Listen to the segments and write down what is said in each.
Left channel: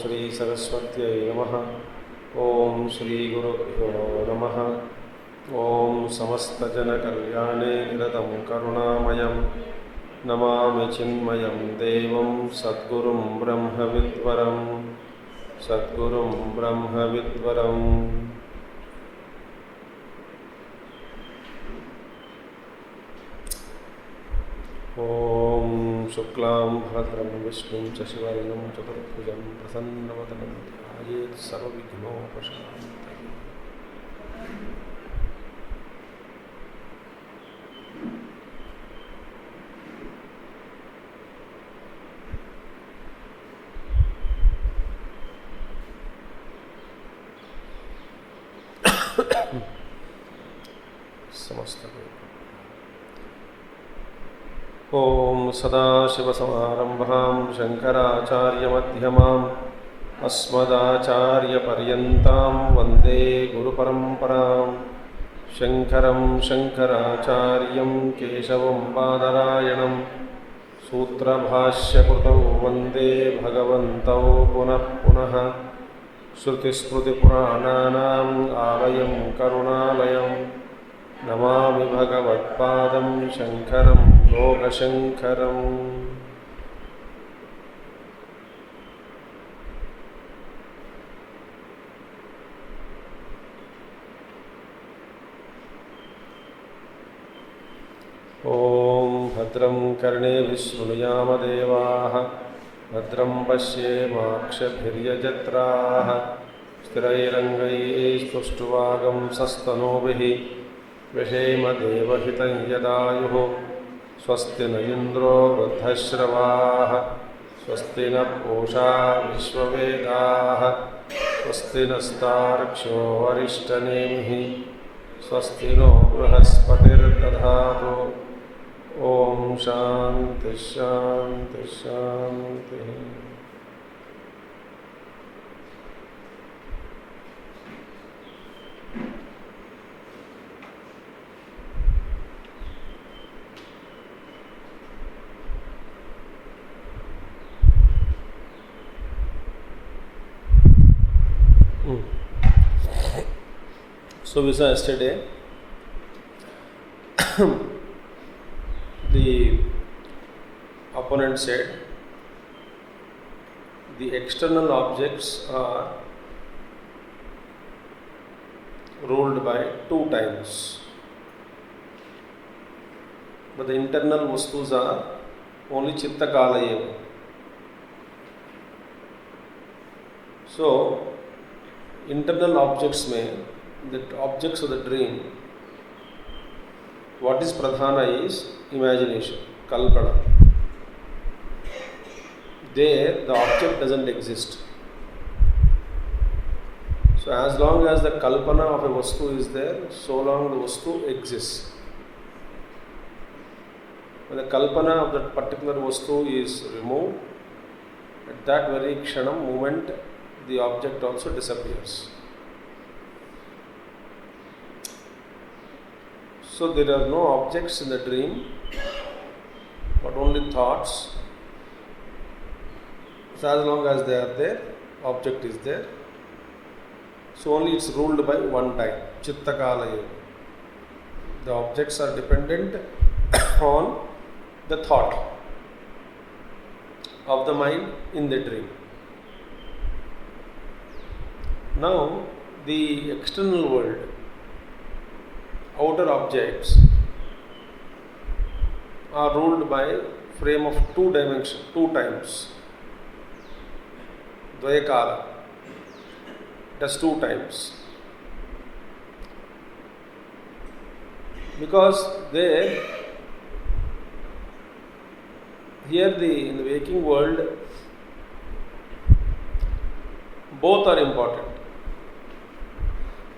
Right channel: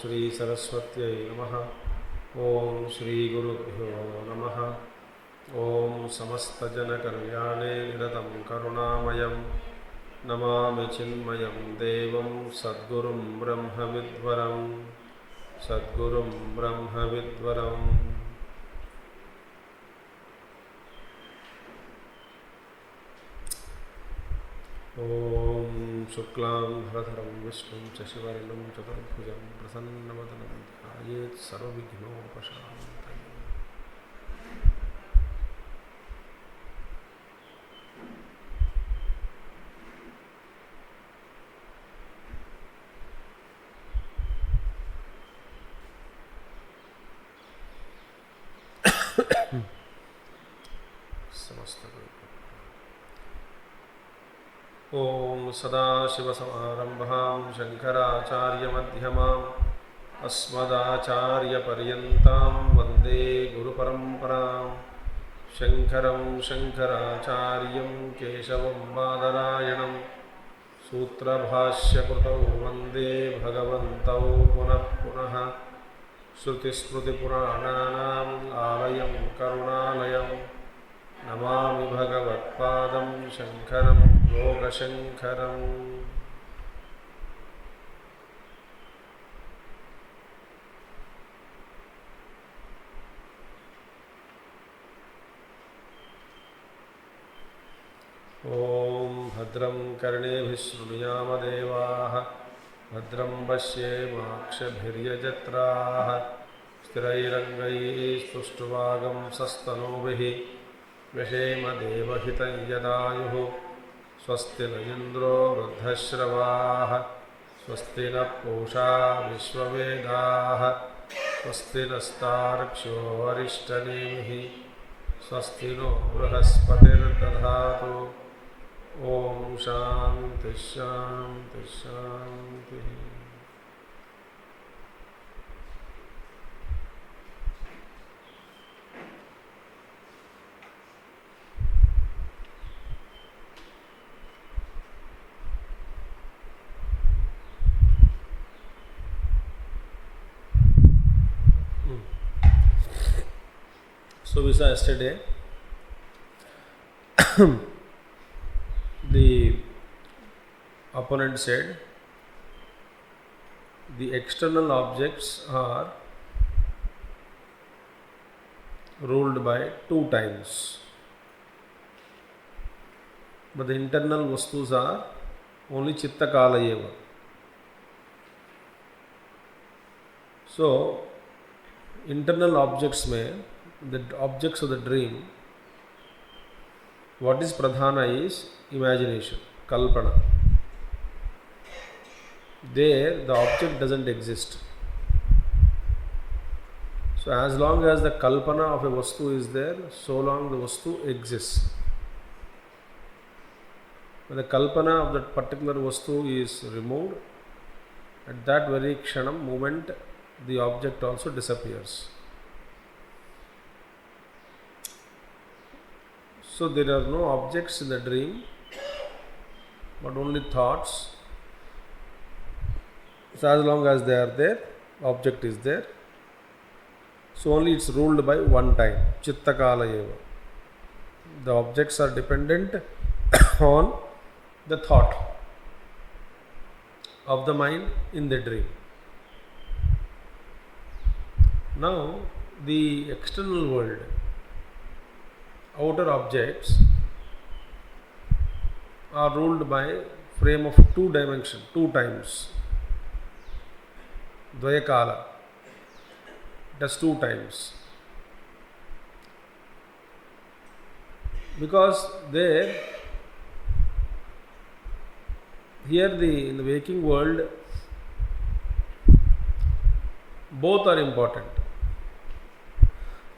श्री सरस्वत्यै नमः। ओम श्री गुरुभ्यो नमः। ओम समस्तजनकल्याणे निरतं करुणामयं नमामि चिन्मयं देवं सद्गुरुं ब्रह्मविद्वरं सद्गुरुं ब्रह्मविद्वरम्। ओम शुक्लां भरधरं विष्णुं शशिवर्णं चतुर्भुजं प्रसन्नवदनं ध्यायेत् सर्वविघ्नोपशान्तये। ओम सदाशिवसमारम्भां शङ्कराचार्यमध्यमाम् अस्मदाचार्यपर्यन्तां वन्दे गुरुपरम्परां। शङ्करं शङ्कराचार्यं केशवं बादरायणं सूत्रभाष्यकृतौ वन्दे भगवन्तौ पुनः पुनः। श्रुतिस्मृतिपुराणानाम् आलयं करुणालयं नमामि भगवत्पादं शङ्करं लोकशङ्करम्। ॐ भद्रं कर्णेभिः शृणुयाम देवाः भद्रं पश्येमाक्षभिर्यजत्राः स्थिरैरङ्गैस्तुष्टुवागं सस्तनूभिः व्यशेम देवहितं यदायुः। स्वस्ति न इन्द्रो वृद्धश्रवाः स्वस्ति न पूषा विश्ववेदाः स्वस्ति नस्तार्क्ष्यो अरिष्टनेमिः स्वस्ति नो बृहस्पतिर्दधातु। ॐ शान्ति शान्ति शान्तिः। So we saw yesterday the opponent said the external objects are ruled by two times, but the internal vastus are only chitta kala eva. So internal objects में the objects of the dream, what is pradhana is imagination, kalpana. There the object doesn't exist. So as long as the kalpana of a vastu is there, so long the vastu exists. When the kalpana of that particular vastu is removed, at that very kshanam moment the object also disappears. So there are no objects in the dream, but only thoughts. So as long as they are there, object is there. So only it's ruled by one time, chitta kala eva. The objects are dependent on the thought of the mind in the dream. Now the external world, outer objects are ruled by frame of two dimension, two times. Dvayakala, it has two times. Because there, here in the waking world, both are important.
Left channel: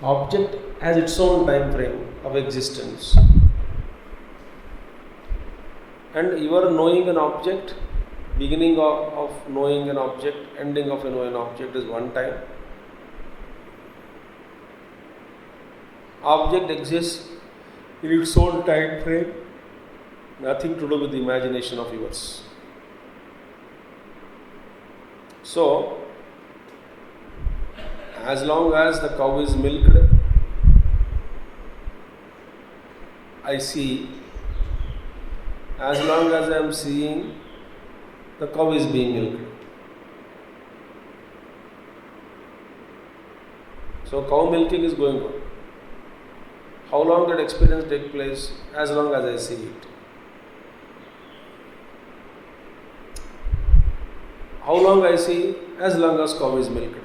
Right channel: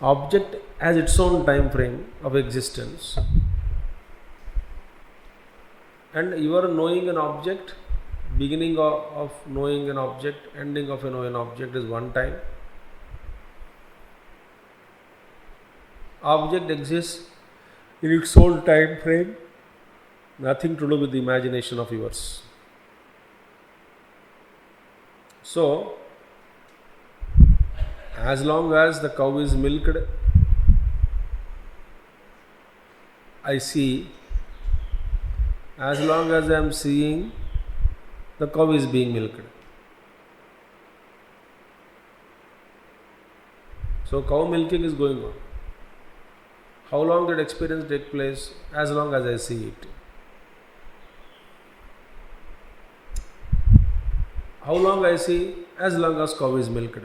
Object has its own time frame of existence, and you are knowing an object, beginning of knowing an object, ending of knowing an object is one time. Object exists in its own time frame, nothing to do with the imagination of yours. So As long as the cow is milked, I see. As long as I am seeing, the cow is being milked. So cow milking is going on. How long that experience takes place? As long as I see it. How long I see? As long as cow is milked.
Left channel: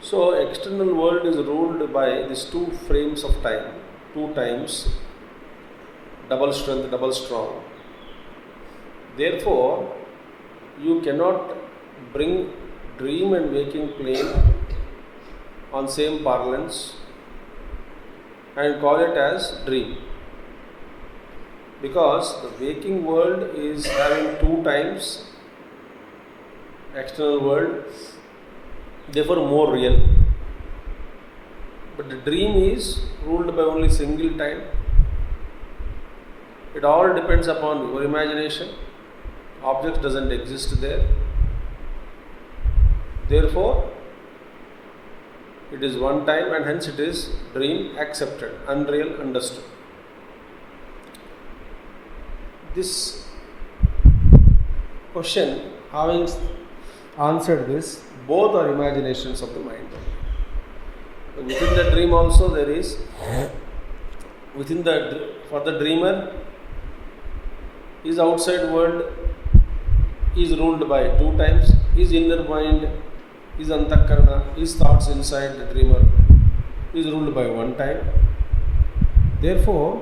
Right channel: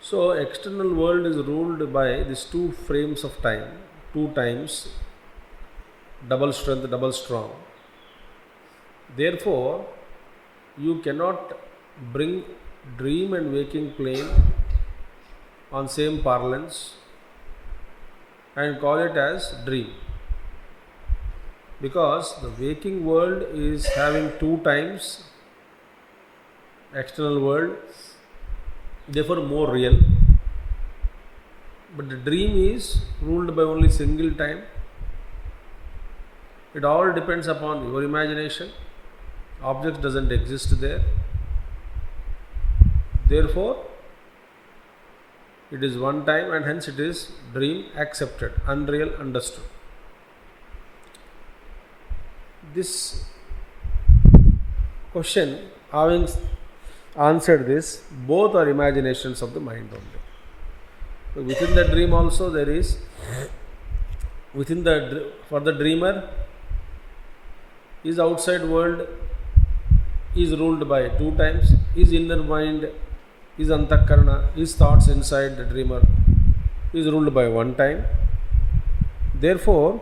So external world is ruled by these two frames of time, two times, double strength, double strong. Therefore, you cannot bring dream and waking plane on same parlance and call it as dream, because the waking world is having two times, external world, therefore more real, but the dream is ruled by only single time. It all depends upon your imagination. Object doesn't exist there. Therefore, it is one time and hence it is dream accepted, unreal understood. This question, having answered this, both are imaginations of the mind only. Within the dream also there is, for the dreamer, his outside world is ruled by two times. His inner mind, his antakarana, his thoughts inside the dreamer is ruled by one time. Therefore,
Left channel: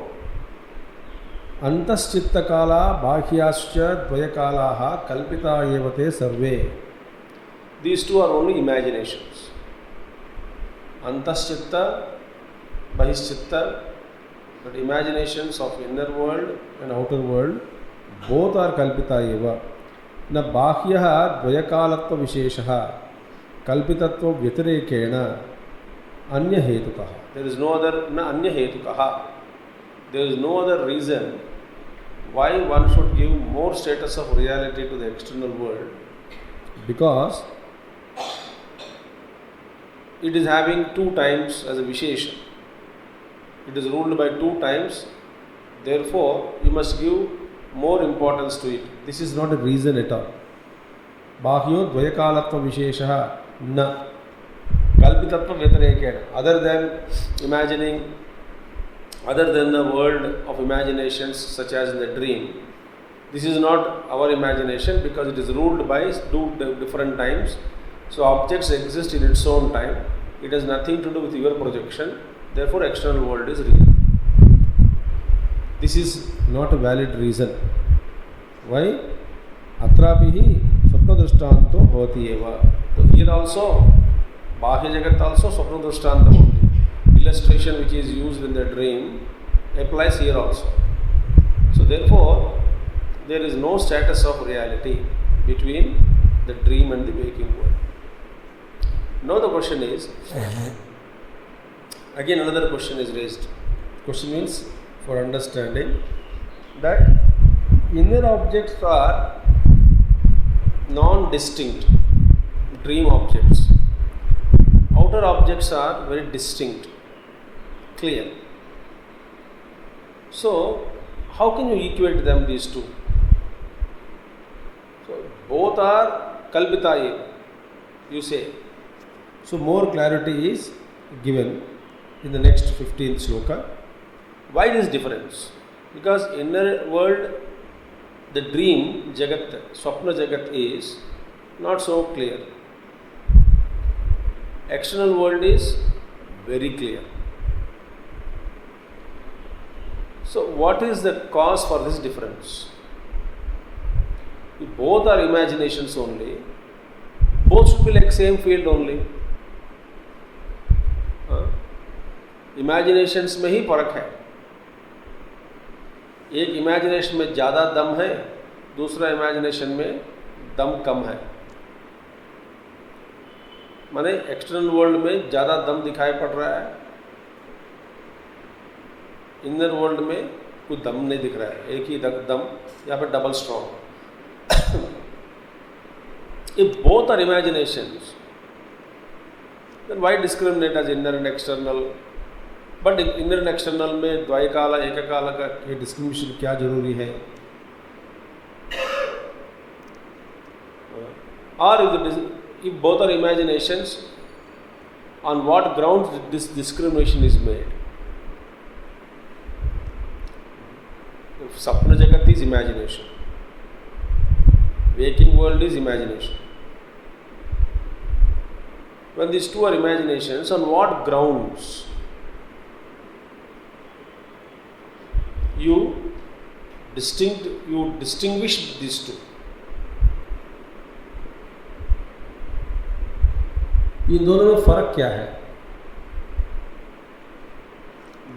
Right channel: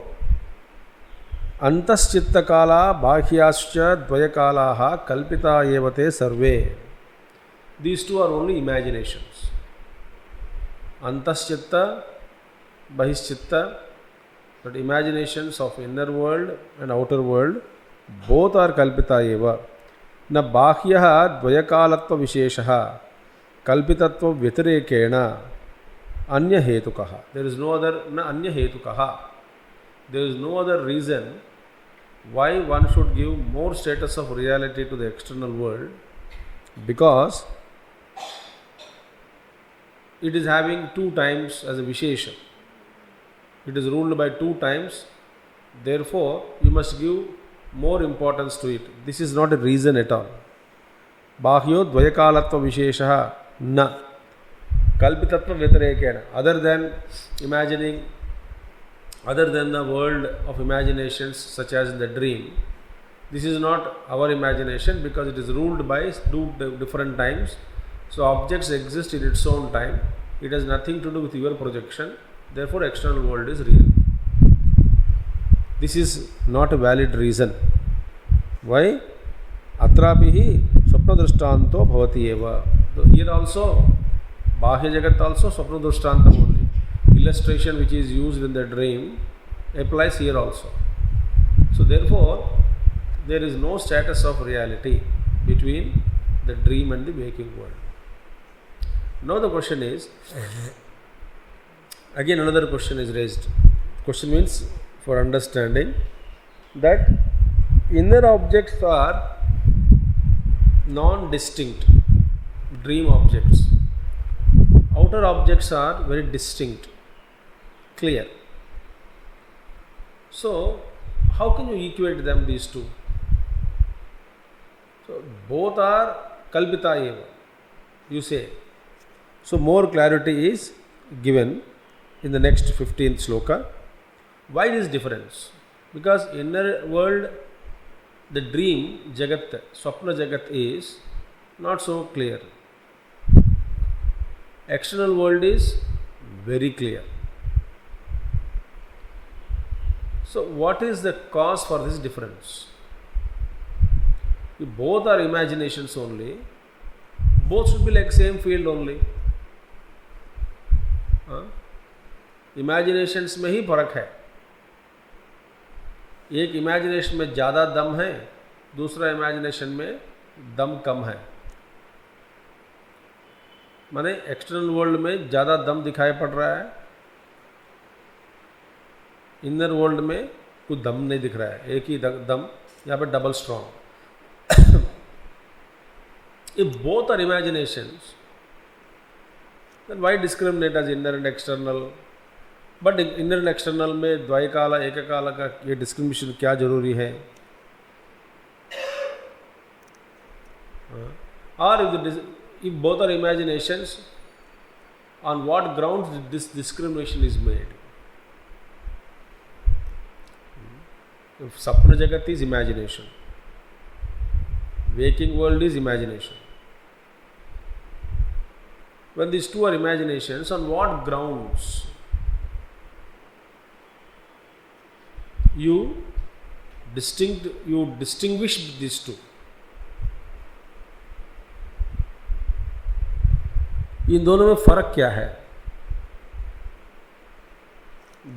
antaschitta kala bahyascha dvayakalaha kalpita evate sarve. These two are only imaginations. Antaschitta, bahishchitta, but imaginations of inner world and outer world, both are kalpita eva. Na bahyah dvayakalatva visheshaha kalpitatva vyatirekena anya hetukaha. There is no other, na anya hetukaha. There is no other reason why one should give more status of reality to the external world, because it is having two times as a vishesha. It is ruled by two times. Therefore, you must give more importance to it. This is not a reason at all. Bahyo dvayakalatva visheshaha na kalpitatva vyatirekena. Other than imagining, other than the world of imaginations such as in the dream, this is not our imagination because it is ruled by two different times. So objects exist in its own time. It has nothing to do with your projection. Therefore, external world is real. This is not a valid reason. Why? Atrapihi swapna drishtanto bhavati eva. So here also, bahya jagat also swapna drishtantam only. Illustration which is used in the dream applies here also. So therefore, there is no status of reality between the dream and the waking world. Now the question is, again another question is raised. Question means for understanding that inner objects are non-distinct dream objects. Outer objects are very distinct, clear. So how can you equate them, these two? So both are kalpita eva, you say. So more clarity is given in the next 15th sloka. Why this difference? Because inner world, the dream jagat, swapna jagat is not so clear. External world is very clear. So what is the cause for this difference? If both are imaginations only, both should be like same field only. Imaginations में ही फर्क है. एक imagination में ज़्यादा दम है, दूसरा imagination में दम कम है. माने एक्सटर्नल वर्ल्ड में ज़्यादा दम दिखाई पड़ रहा है, इनर वर्ल्ड में कोई दम नहीं दिख रहा है, एक ही दम, यहाँ पर double strong. If both are imaginations, then why discriminate as inner and external? But inner and external में द्वैकाल एककाल का ये डिस्क्रिमिनेशन क्या जरूरी है? Or if both are imaginations, on what grounds this discrimination is made? If Sapna Jagat is imagination, waking world is imagination. When these two are imaginations, on what grounds you distinguish these two? इन दोनों में फर्क क्या है?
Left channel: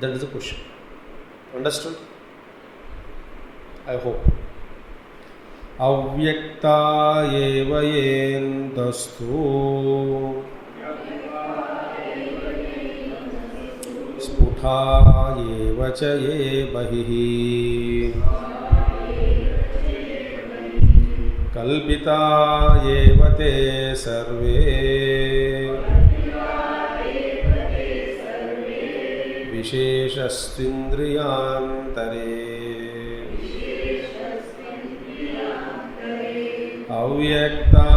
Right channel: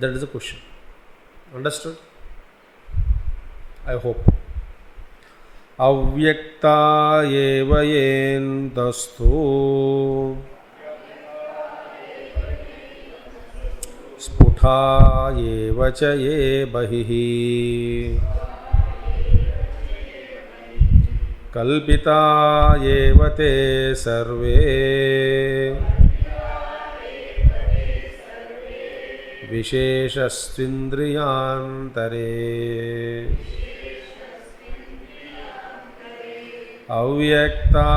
That is the question. Understood? I hope. अव्यक्ता एव येन्तस्थो स्फुटा एव च ये बहिः कल्पिता एव ते सर्वे विशेषस्त्विन्द्रियान्तरे अव्यक्ता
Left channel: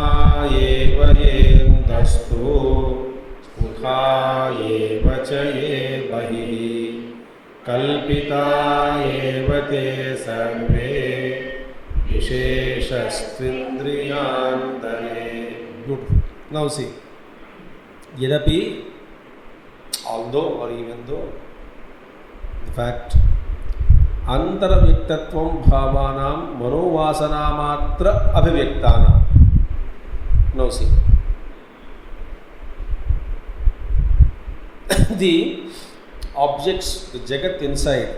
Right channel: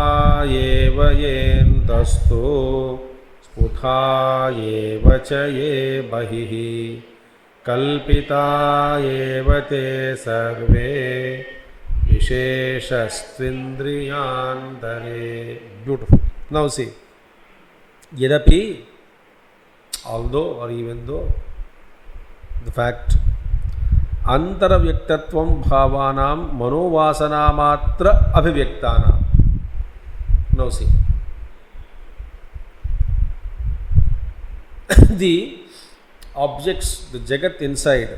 एव येन्तस्थो स्फुटा एव च ये बहिः कल्पिता एव ते सर्वे विशेषस्त्विन्द्रियान्तरे. Beautiful. Now see, यद्यपि, although or even though, the fact अंतरव्यक्तत्वं भावानां मनोवासनामात्र अभिव्यक्तानां. Now see, the objects, the jagat inside,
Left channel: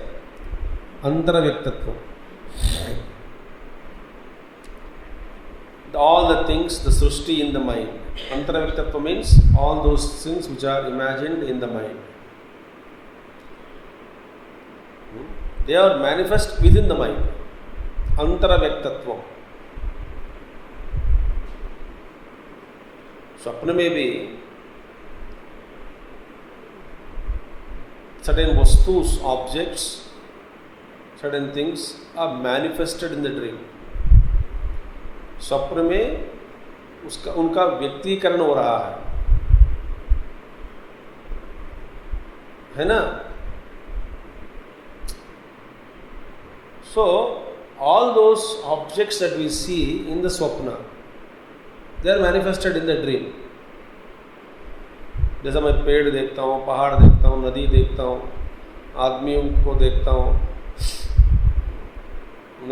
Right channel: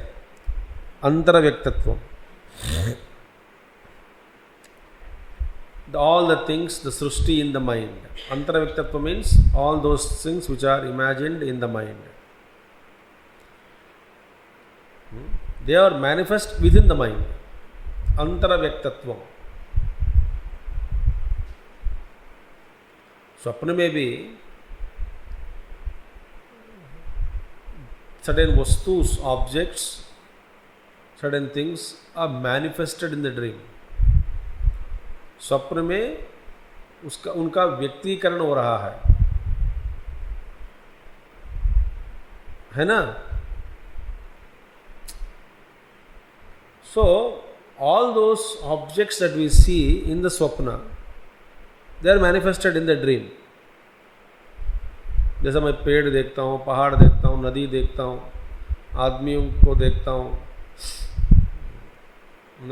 antaravyaktatvam, all the things, the srushti in the mind. Antaravyaktatva means all those things which are imagined in the mind. They are manifest within the mind. Antaravyaktatvam. Swapna may be certain vastus, objects, certain things are manifested in the dream. स्वप्न में उनका व्यक्तीकरण हो रहा है ना? So all those objects that we see in the swapna, they are manifested in the dream. जैसा मैं पेड़ देखता हूँ, पहाड़ देखता हूँ, नदी देखता हूँ, आदमियों को देखता हूँ,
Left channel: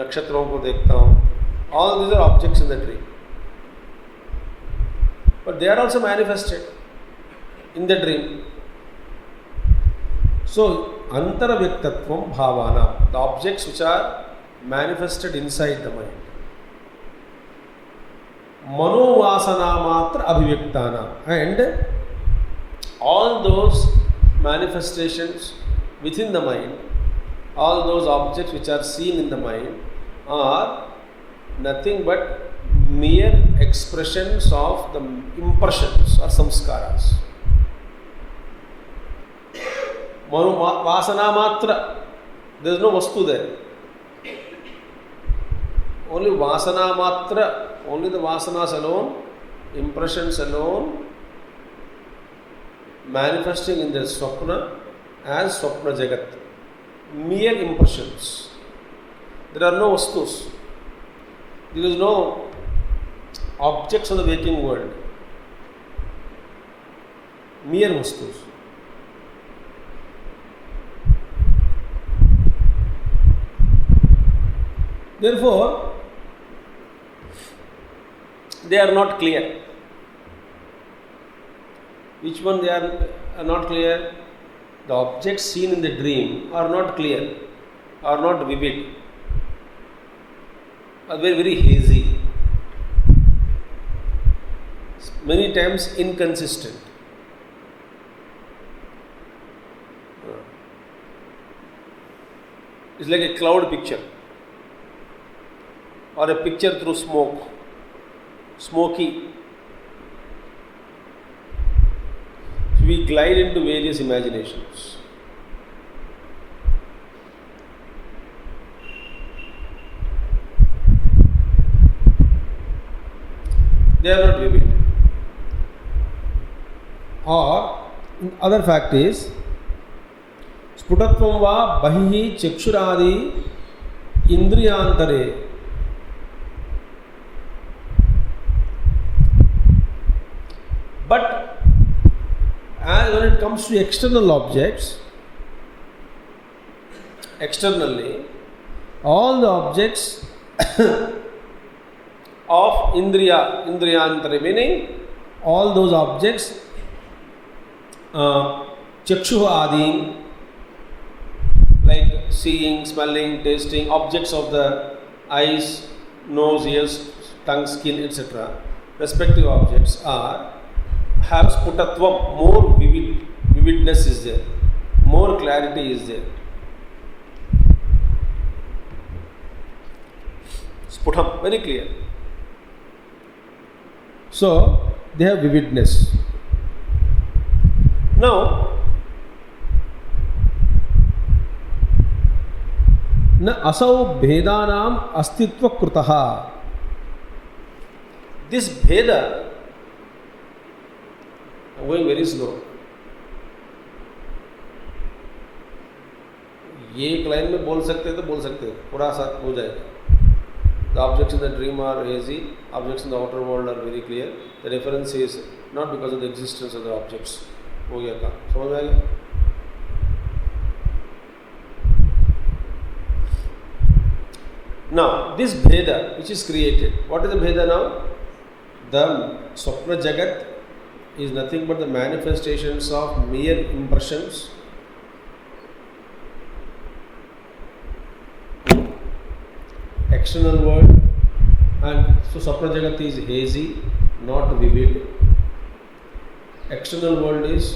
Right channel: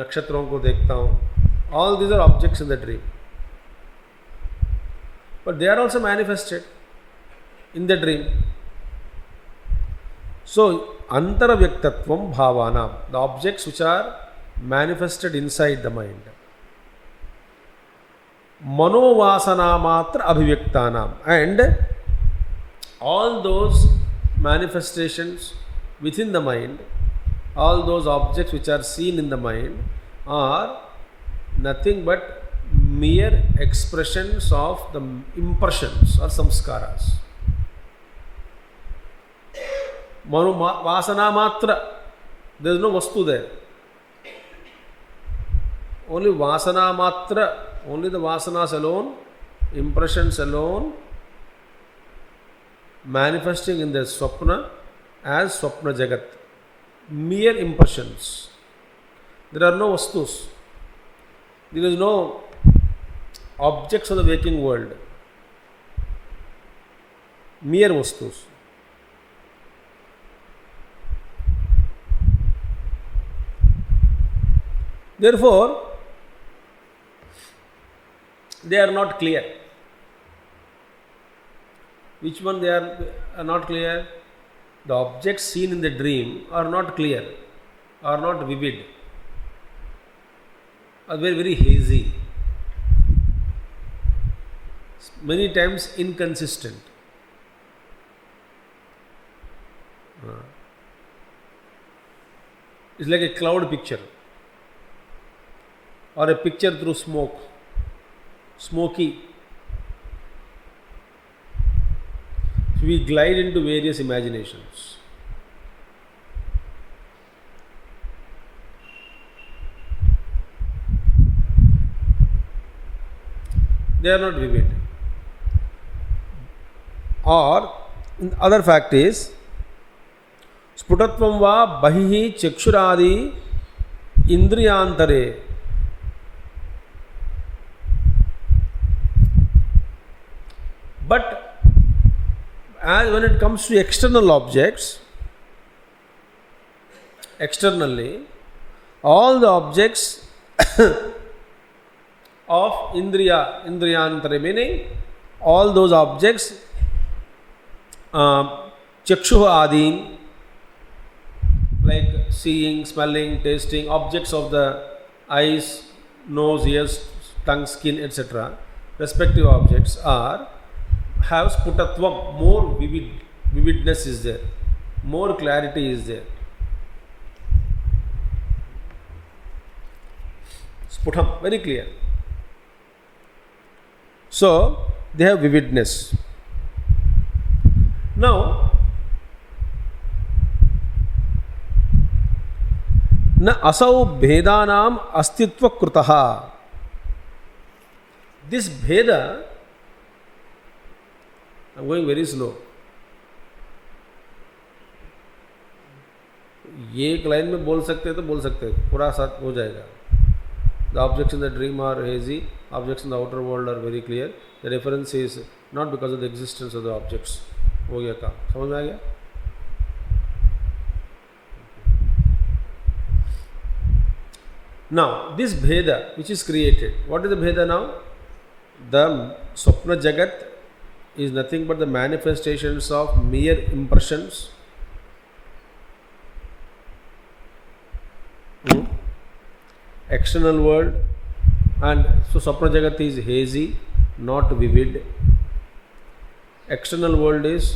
नक्षत्रों को देखता हूँ. All these are objects in the dream, but they are also manifested in the dream. So, antaravyaktatvam bhavana, the objects which are manifested inside the mind. Manovasana matra abhivyaktanam, and all those manifestations within the mind, all those objects which are seen in the mind are nothing but mere expressions of the impressions or samskaras. Vasana matra, there is no vastu there. Only vasana matra, only the vasanas alone, impressions alone, manifesting in the swapna as swapna jagat. Mere impressions. There are no vastus. There is no objects of the waking world. Mere vastus. Therefore, they are not clear. Which one they are not clear? The objects seen in the dream are not clear, are not vivid, are very, very hazy, many times inconsistent. It's like a cloud picture or a picture through smoke, smoky. we glide into various imaginations. They are not vivid. Or other fact is स्फुटत्वं वा बहिः चक्षुरादि इंद्रियांतरे but as when it comes to external objects, externally all the objects of indriyantara, meaning all those objects chakshu adin, like seeing, smelling, tasting, objects of the eyes, nose, ears, tongue, skin, etc., respective objects have sputatvam, more vividness is there, more clarity is there. Sputam, very clear. So they have vividness. Now न असौ भेदानाम अस्तित्व कृतः. This भेद, I'm going very slow. ये एक line में बोल सकते हैं तो बोल सकते हैं, पूरा साथ हो जाएगा. The objects in the dream are hazy, objects in the outer world are very clear. The reference is not because of the existence of the objects. हो गया काम, समझ में आ गया? Now, this Bheda which is created, what is the Bheda now? The Swapna Jagat is nothing but the manifestations of mere impressions. External world, and so Swapna Jagat is hazy, not vivid. External world is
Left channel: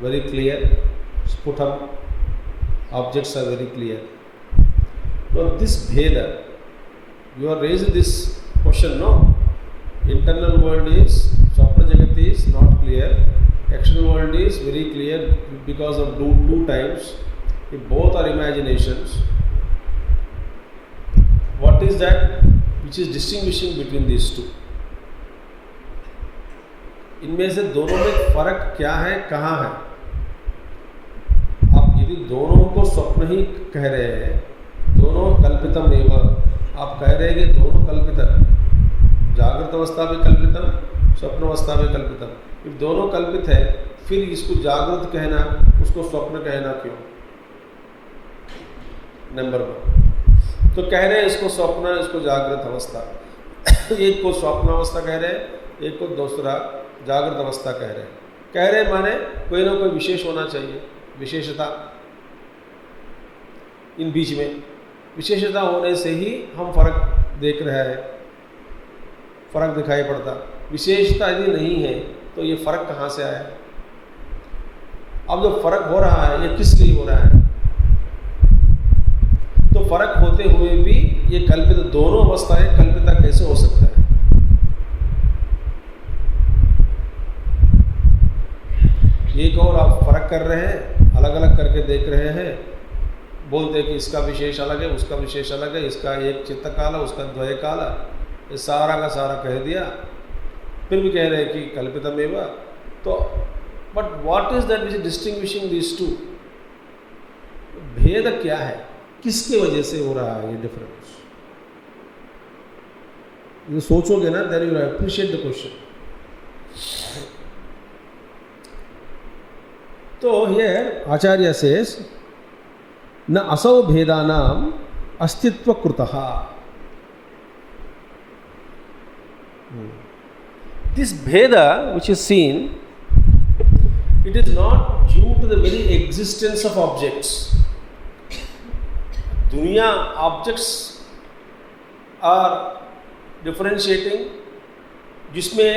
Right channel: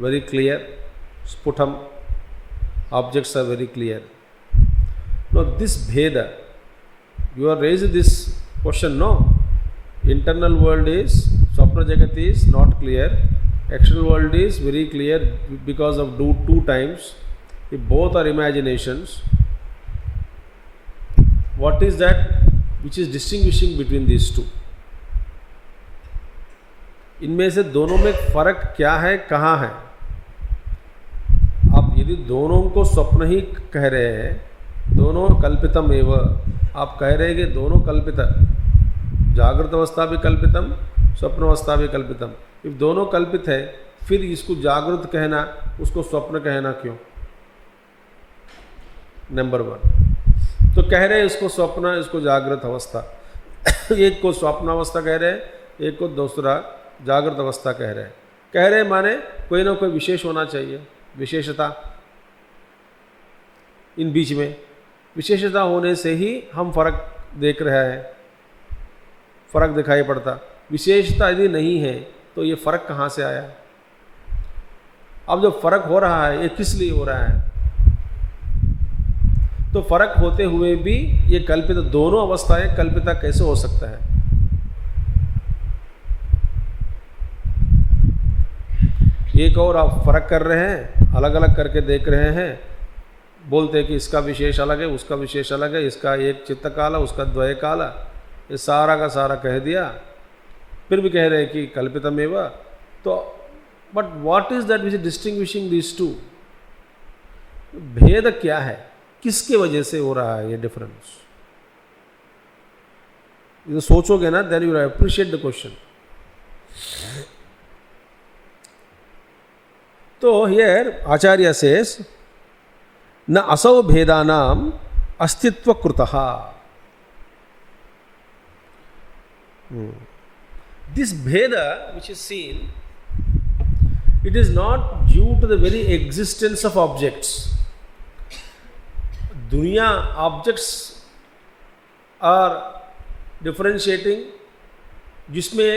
very clear, sputam, objects are very clear. Now this Bheda, you are raising this question, no? Internal world is, Swapna Jagat is not clear, external world is very clear because of two times. If both are imaginations, what is that which is distinguishing between these two? इनमें से दोनों में फर्क क्या है, कहाँ है? आप यदि दोनों को स्वप्न ही कह रहे हैं, दोनों कल्पितम एव, आप कह रहे हैं कि दोनों कल्पित, जागृत अवस्था भी कल्पितम, स्वप्न अवस्था भी कल्पितम. if दोनों कल्पित है, फिर इसको जागृत कहना, उसको स्वप्न कहना क्यों? नंबर 1. तो कह रहे हैं इसको स्वप्न, इसको जागृत अवस्था. एक को स्वप्न अवस्था कह रहे हैं, एक को दूसरा जागृत अवस्था कह रहे हैं. कह रहे माने कोई ना कोई विशेष होना चाहिए, विशेषता इन बीच में. विशेषता होने से ही हम फर्क देख रहे हैं, फर्क दिखाई पड़ता. विशेषता यदि नहीं है तो ये फर्क कहाँ से आया? अब जो फर्क हो रहा है, ये किस लिए हो रहा है? तो फर्क होते हुए भी ये कल्पित, दोनों अवस्थाएं कल्पिता कैसे हो सकता है? एक और आप फर्क कर रहे हैं, अलग अलग करके देख रहे हैं, बोलते हैं कि इसका विशेष अलग है, उसका विशेष अलग है, इसका एक चित्त काला, उसका द्वय काला, ये सारा का सारा कह दिया, फिर भी कह रहे हैं कि कल्पितमेव. तो but what is that which is distinguishing this two? भेद क्या है, किसके वजह से हो रहा है ये डिफरेंस? ये सोचोगे ना, then you appreciate the question. तो हियर आचार्य सेज न असौ भेदानाम अस्तित्व कृतः. This Bheda which is seen, it is not due to the very existence of objects. दुनिया, objects are differentiating, जिसमें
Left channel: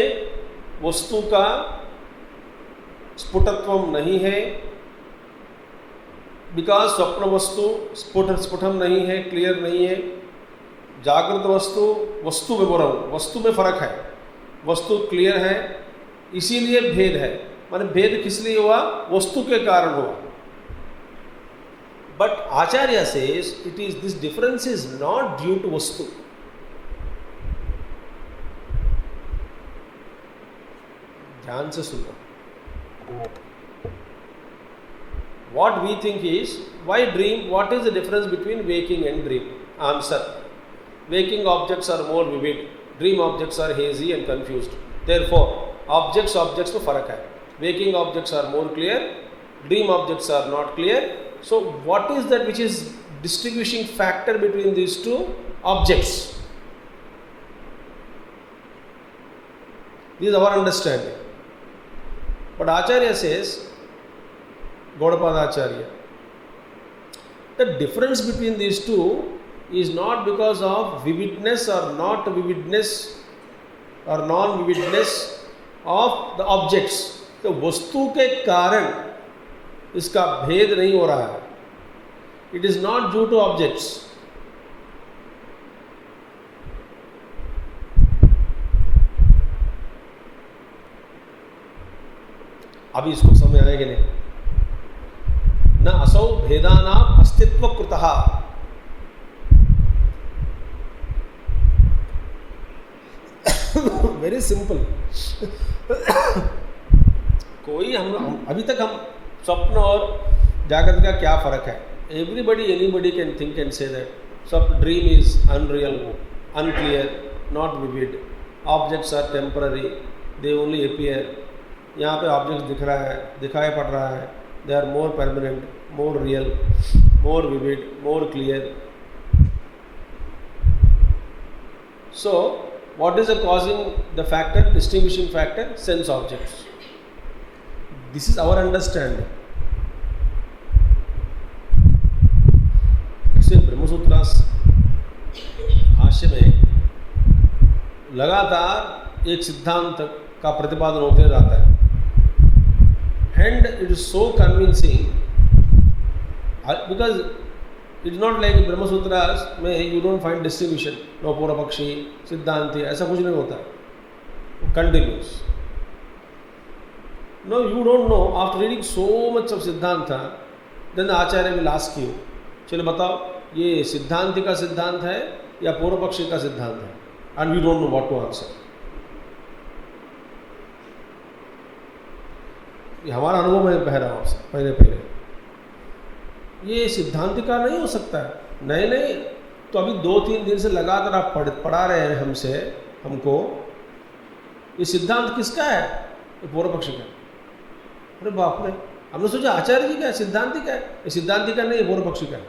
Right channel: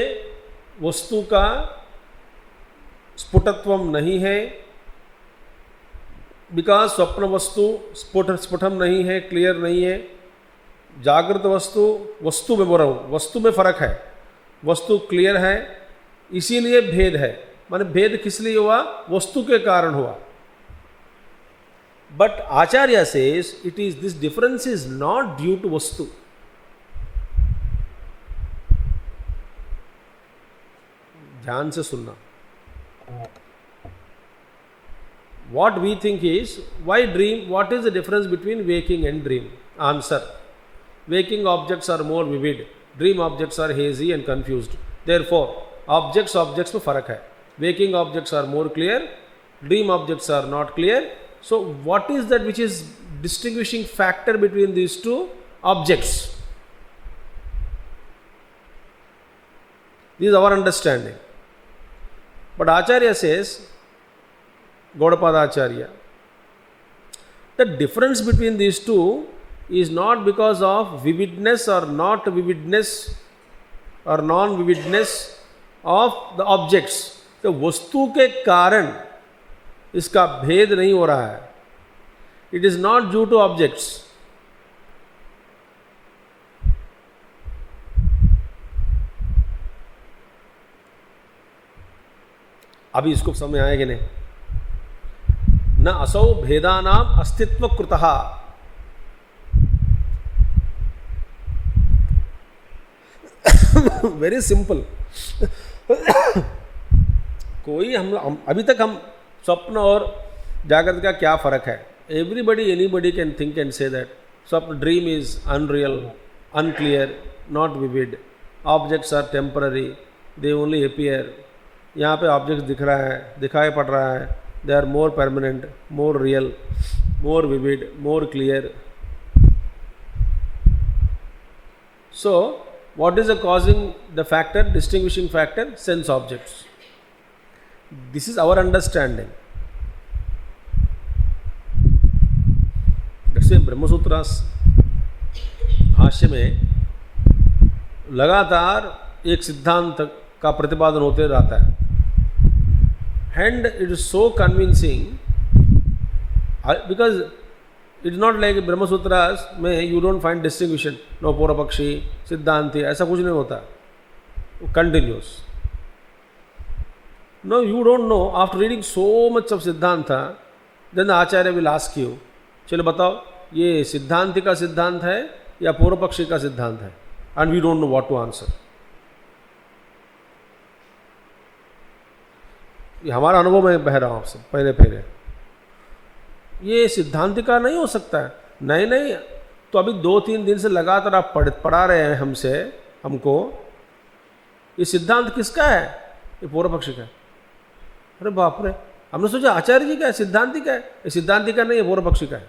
वस्तु का स्फुटत्वम नहीं है, बिकॉज स्वप्न वस्तु स्फुटम नहीं है, क्लियर नहीं है. जागृत वस्तु में बोल रहा हूँ, वस्तु में फर्क है, वस्तु क्लियर है, इसीलिए भेद है. माने भेद किस लिए हुआ? वस्तु के कारण हुआ. But Acharya says it is, this difference is not due to vastu. ध्यान से सुनना. What we think is, why dream? What is the difference between waking and dream? Answer: waking objects are more vivid, dream objects are hazy and confused. Therefore, objects में फर्क है. Waking objects are more clear, dream objects are not clear. So, what is that which is distinguishing factor between these two objects? This is our understanding. But Acharya says, Gaudapada Acharya, the difference between these two is not because of vividness or not vividness or non-vividness of the objects. तो वस्तु के कारण इसका भेद नहीं हो रहा है. It is not due to objects. अभी इसको समझ आए कि नहीं? न असौ भेदानाम अस्तित्व कृतः. Very simple. कोई हम अभी तक हम स्वप्न और जागृत का क्या फर्क है? Anybody can think and say that स्वप्न, dream is unreal, unclear, not vivid. Objects are temporary, they only appear. यहाँ पे ऑब्जेक्ट दिख रहा है, दिखाई पड़ रहा है. They are more permanent, more real, more vivid, more clear. So what is the causing the factor, distinguishing factor? Sense objects. This is our understanding. जैसे ब्रह्मसूत्र भाष्य में लगातार एक सिद्धांत का प्रतिपादन होते रहता है. And it is so convincing because it is not like Brahma Sutras में you don't find distinction. No पूर्व पक्षी, सिद्धांति, ऐसा कुछ नहीं होता. Continuous. No, you don't know. After reading so much of Siddhanta, then the Acharya will ask you, चलो बताओ ये सिद्धांति का सिद्धांत है या पूर्व पक्षी का सिद्धांत है? And we don't know what to answer. ये हमारा अनुभव में बह रहा हूँ आपसे पहले. ये सिद्धांत का नहीं हो सकता है. नहीं, तो अभी 2-3 दिन से लगातार आप पढ़ा रहे हैं हमको. ये सिद्धांत किसका है? ये पूर्व पक्षी का. अरे बाप रे, हमने सोचा आचार्य जी का है, सिद्धांति का है. ये सिद्धांति का नहीं, ये पूर्व पक्षी का है.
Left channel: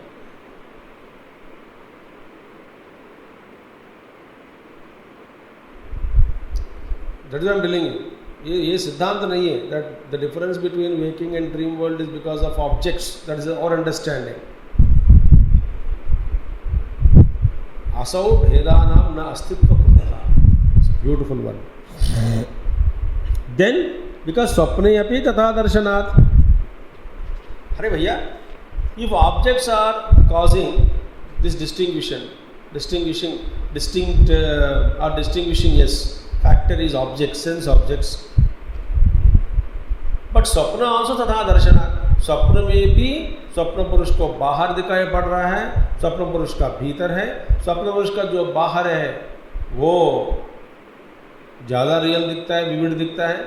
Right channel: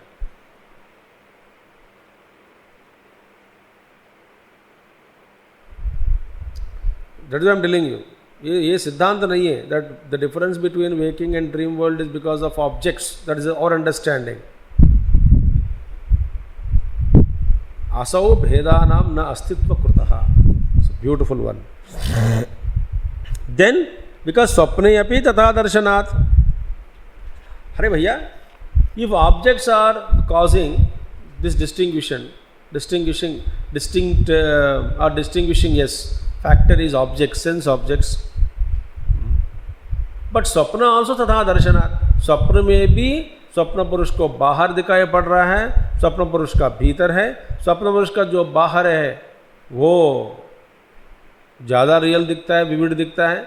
That is I am telling you. ये सिद्धांत नहीं है. That the difference between waking and dream world is because of objects. That is our understanding. असौ भेदानाम न अस्तित्व कृतः. Beautiful one. देन बिकॉज स्वप्ने अपि तथा दर्शनात्. अरे भैया, if objects are causing this distinguishing yes, factor is objects, sense objects. But स्वप्न ऑल्सो तथा दर्शनात्. स्वप्न में भी स्वप्न पुरुष को बाहर दिखाई पड़ रहा है, स्वप्न पुरुष का भीतर है. स्वप्न पुरुष का जो बाहर है वो ज़्यादा रियल दिखता है, विविड दिखता है.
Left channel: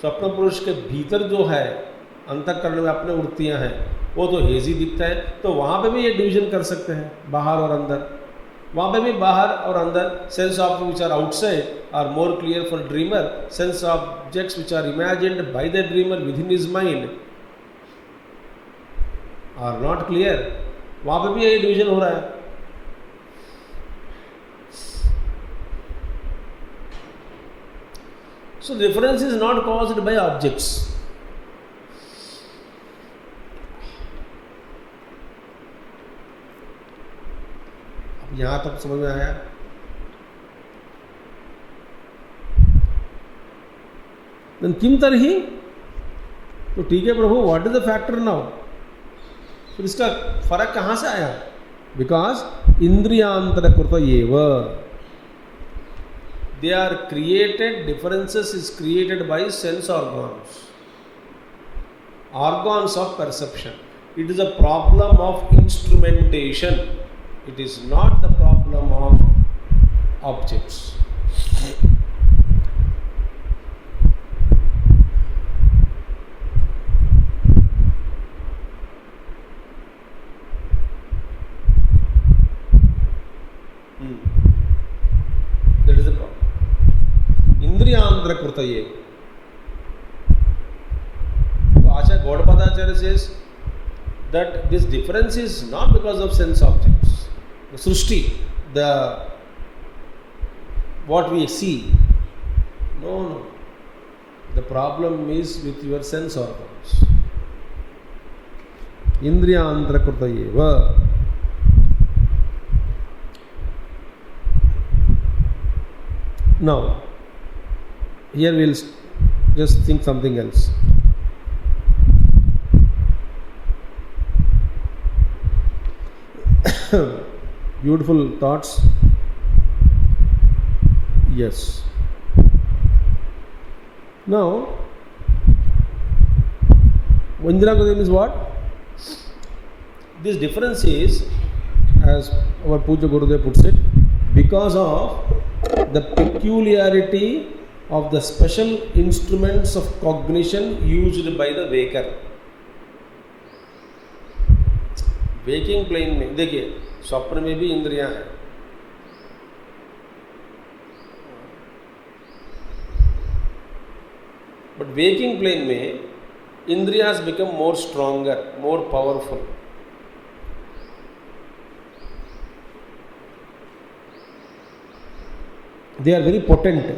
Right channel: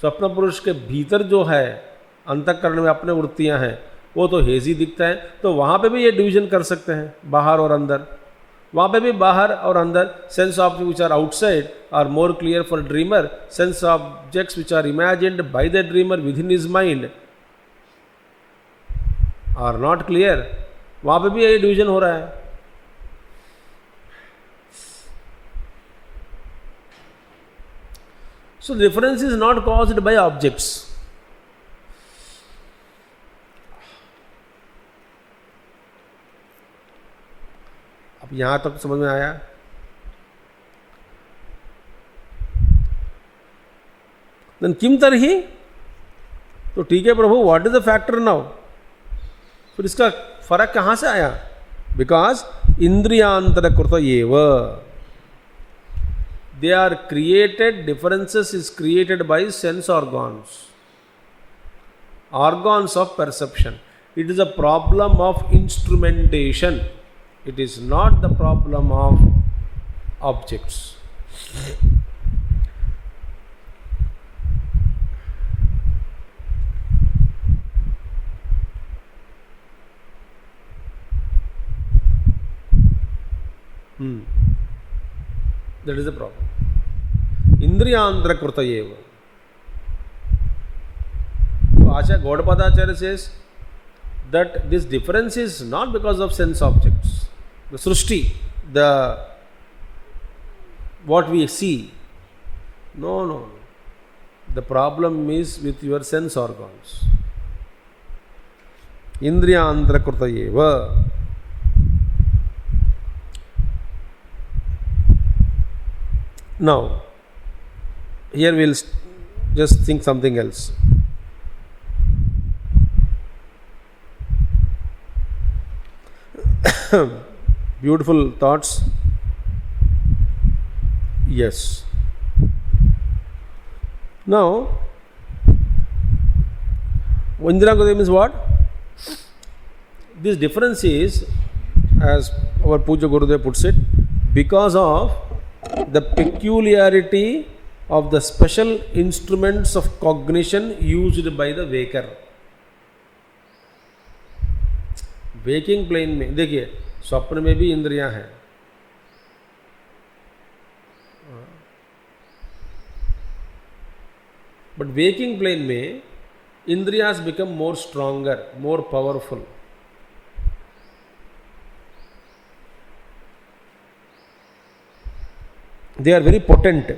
स्वप्न पुरुष के भीतर जो है अंतःकरण में अपने वृत्तियां हैं वो तो हेजी दिखता है. तो वहाँ पे भी ये डिवीजन कर सकते हैं, बाहर और अंदर. वहाँ पे भी बाहर और अंदर. Sense object which are outside are more clear for dreamer. Sense objects which are imagined by the dreamer within his mind are not clear. वहाँ पे भी ये डिवीजन हो रहा है. So the difference is not caused by objects. अब यहां तक समझ में आया? Then किम तरही? तो ठीक है प्रभु, what is the factor now? फिर इसका फर्क कहां से आया? बिकॉज इंद्रियांतर कृत एव. They are created, differences is created by sense organs. organs of perception. It is a problem of instrumentation. It is not the problem of objects. That is the problem. Indriyantra kruta eva. Acharya Gaudapadacharya says that this difference is not because of sense objects. The srushti, the what we see. No. The problem is with your sense organs. Indriyantra kruta eva. Now, here we will just think something else. Beautiful thoughts. Yes. Now, Indriyantra is what? This difference is, as our Puja Gurudev puts it, because of the peculiarity of the special instruments of cognition used by the waker. Waking plane में देखिए, स्वप्न में भी इंद्रियां हैं, but waking plane में इंद्रियां has become more stronger, more powerful. They are very potent.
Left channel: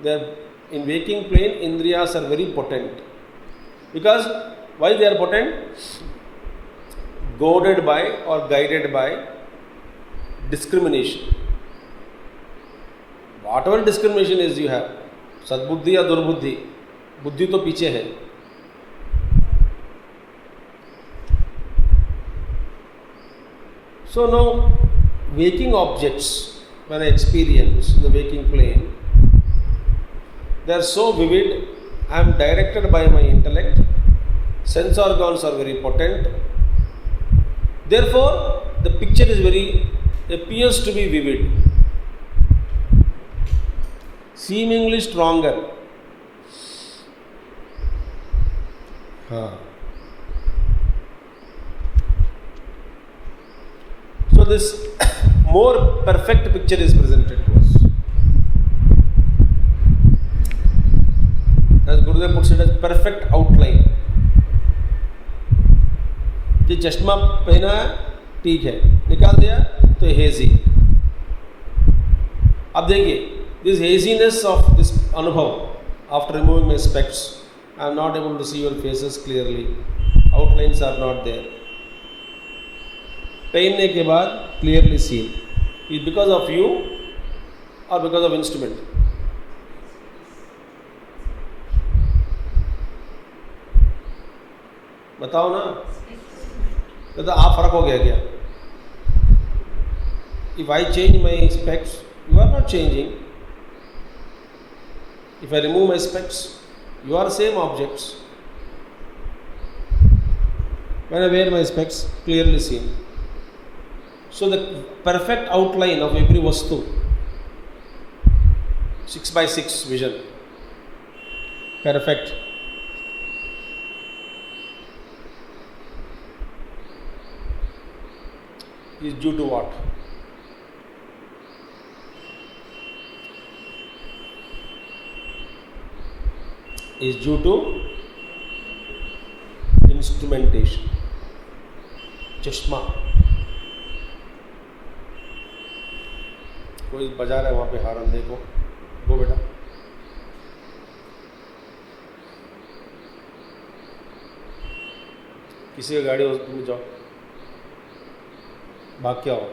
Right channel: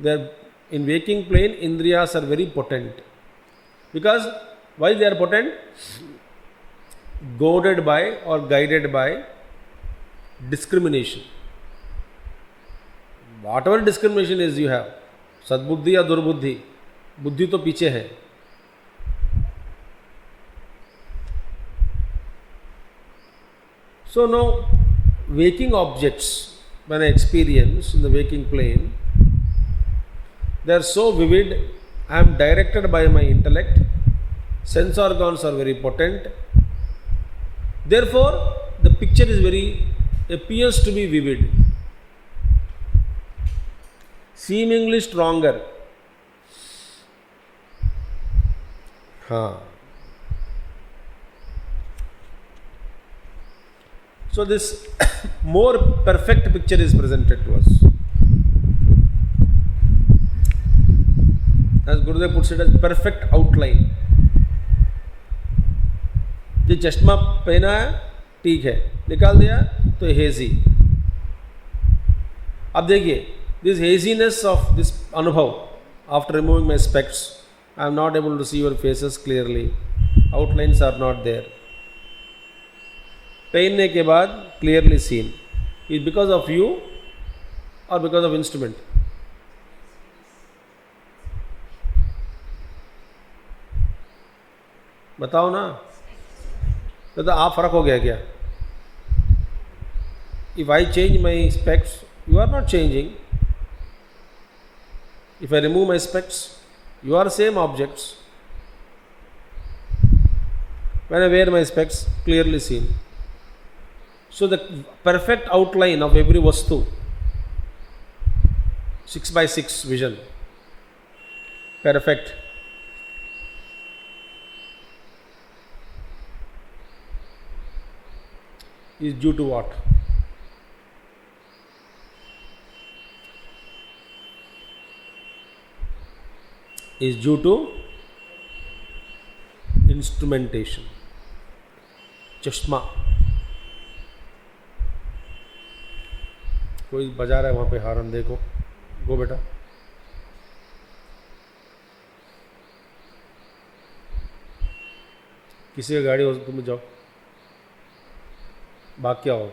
They are, in waking plane, indriyas are very potent. Because why they are potent? Goaded by or guided by discrimination. Whatever discrimination is you have, सद्बुद्धि या दुर्बुद्धि, बुद्धि तो पीछे है. So now, waking objects, when I experience in the waking plane, they are so vivid. I am directed by my intellect. Sense organs are very potent. Therefore, the picture is appears to be vivid, seemingly stronger. So this more perfect picture is presented to us. As Gurudev puts it, as perfect outline. जो चश्मा पहना है ठीक है, निकाल दिया तो hazy. अब देखिए, this haziness of this अनुभव, after removing my specs, I am not able to see your faces clearly. Outlines are not there. पहनने के बाद clearly seen. Is because of you or because of instrument? बताओ ना. तो आप फर्क हो गया क्या? If I change my specs, you are not changing. If I remove my specs, you are same objects. When I wear my specs, clearly seen. So the perfect outline of every vastu, 6x6 vision, perfect. Is due to what? Is due to instrumentation. चश्मा. कोई बजा रहा है वहाँ पे हारन, देखो. गो बेटा. किसी का गाड़ी हो तो तुम जाओ, बाकी क्या हो.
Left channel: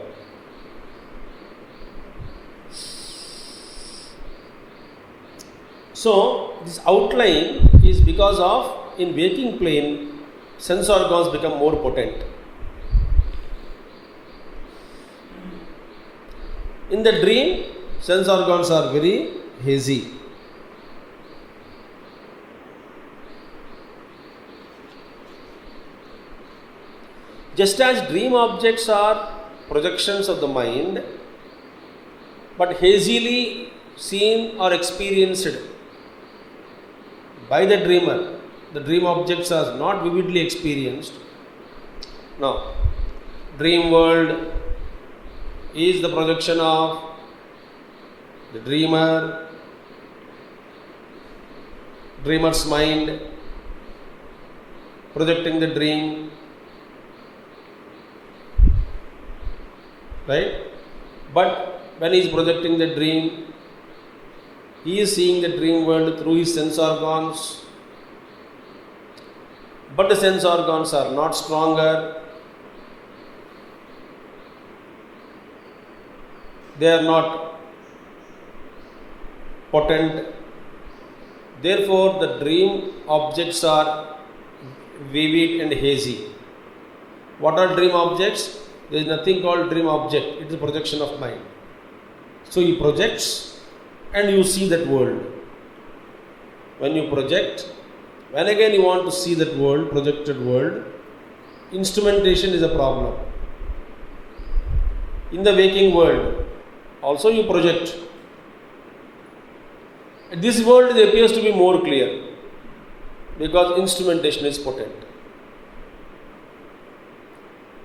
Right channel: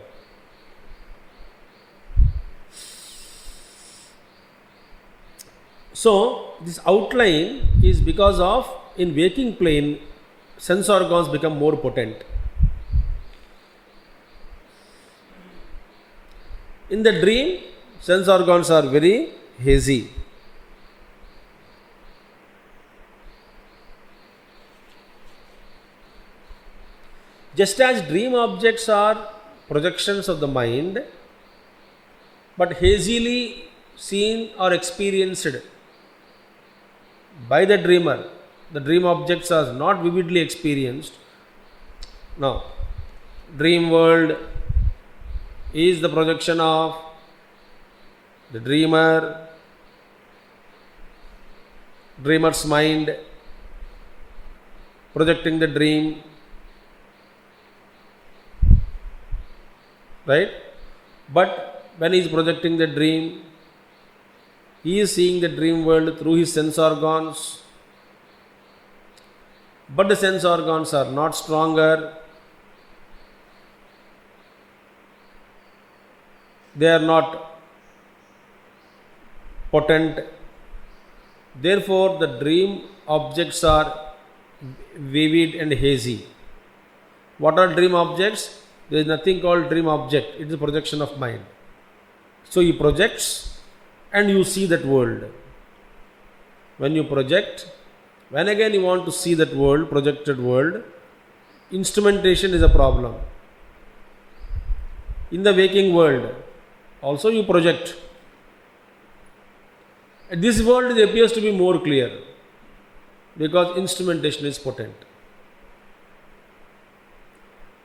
So this outline is because of, in waking plane, sense organs become more potent. In the dream, sense organs are very hazy. Just as dream objects are projections of the mind, but hazily seen or experienced by the dreamer, the dream objects are not vividly experienced. Now, dream world is the projection of the dreamer's mind, projecting the dream, right? But when he is projecting the dream, he is seeing the dream world through his sense organs, but the sense organs are not stronger, they are not potent. Therefore, the dream objects are vivid and hazy. What are dream objects? There is nothing called dream object. It is a projection of mind. So he projects and you see that world. When you project, when again you want to see that world, projected world, instrumentation is a problem. In the waking world, also you project. This world appears to be more clear because instrumentation is potent.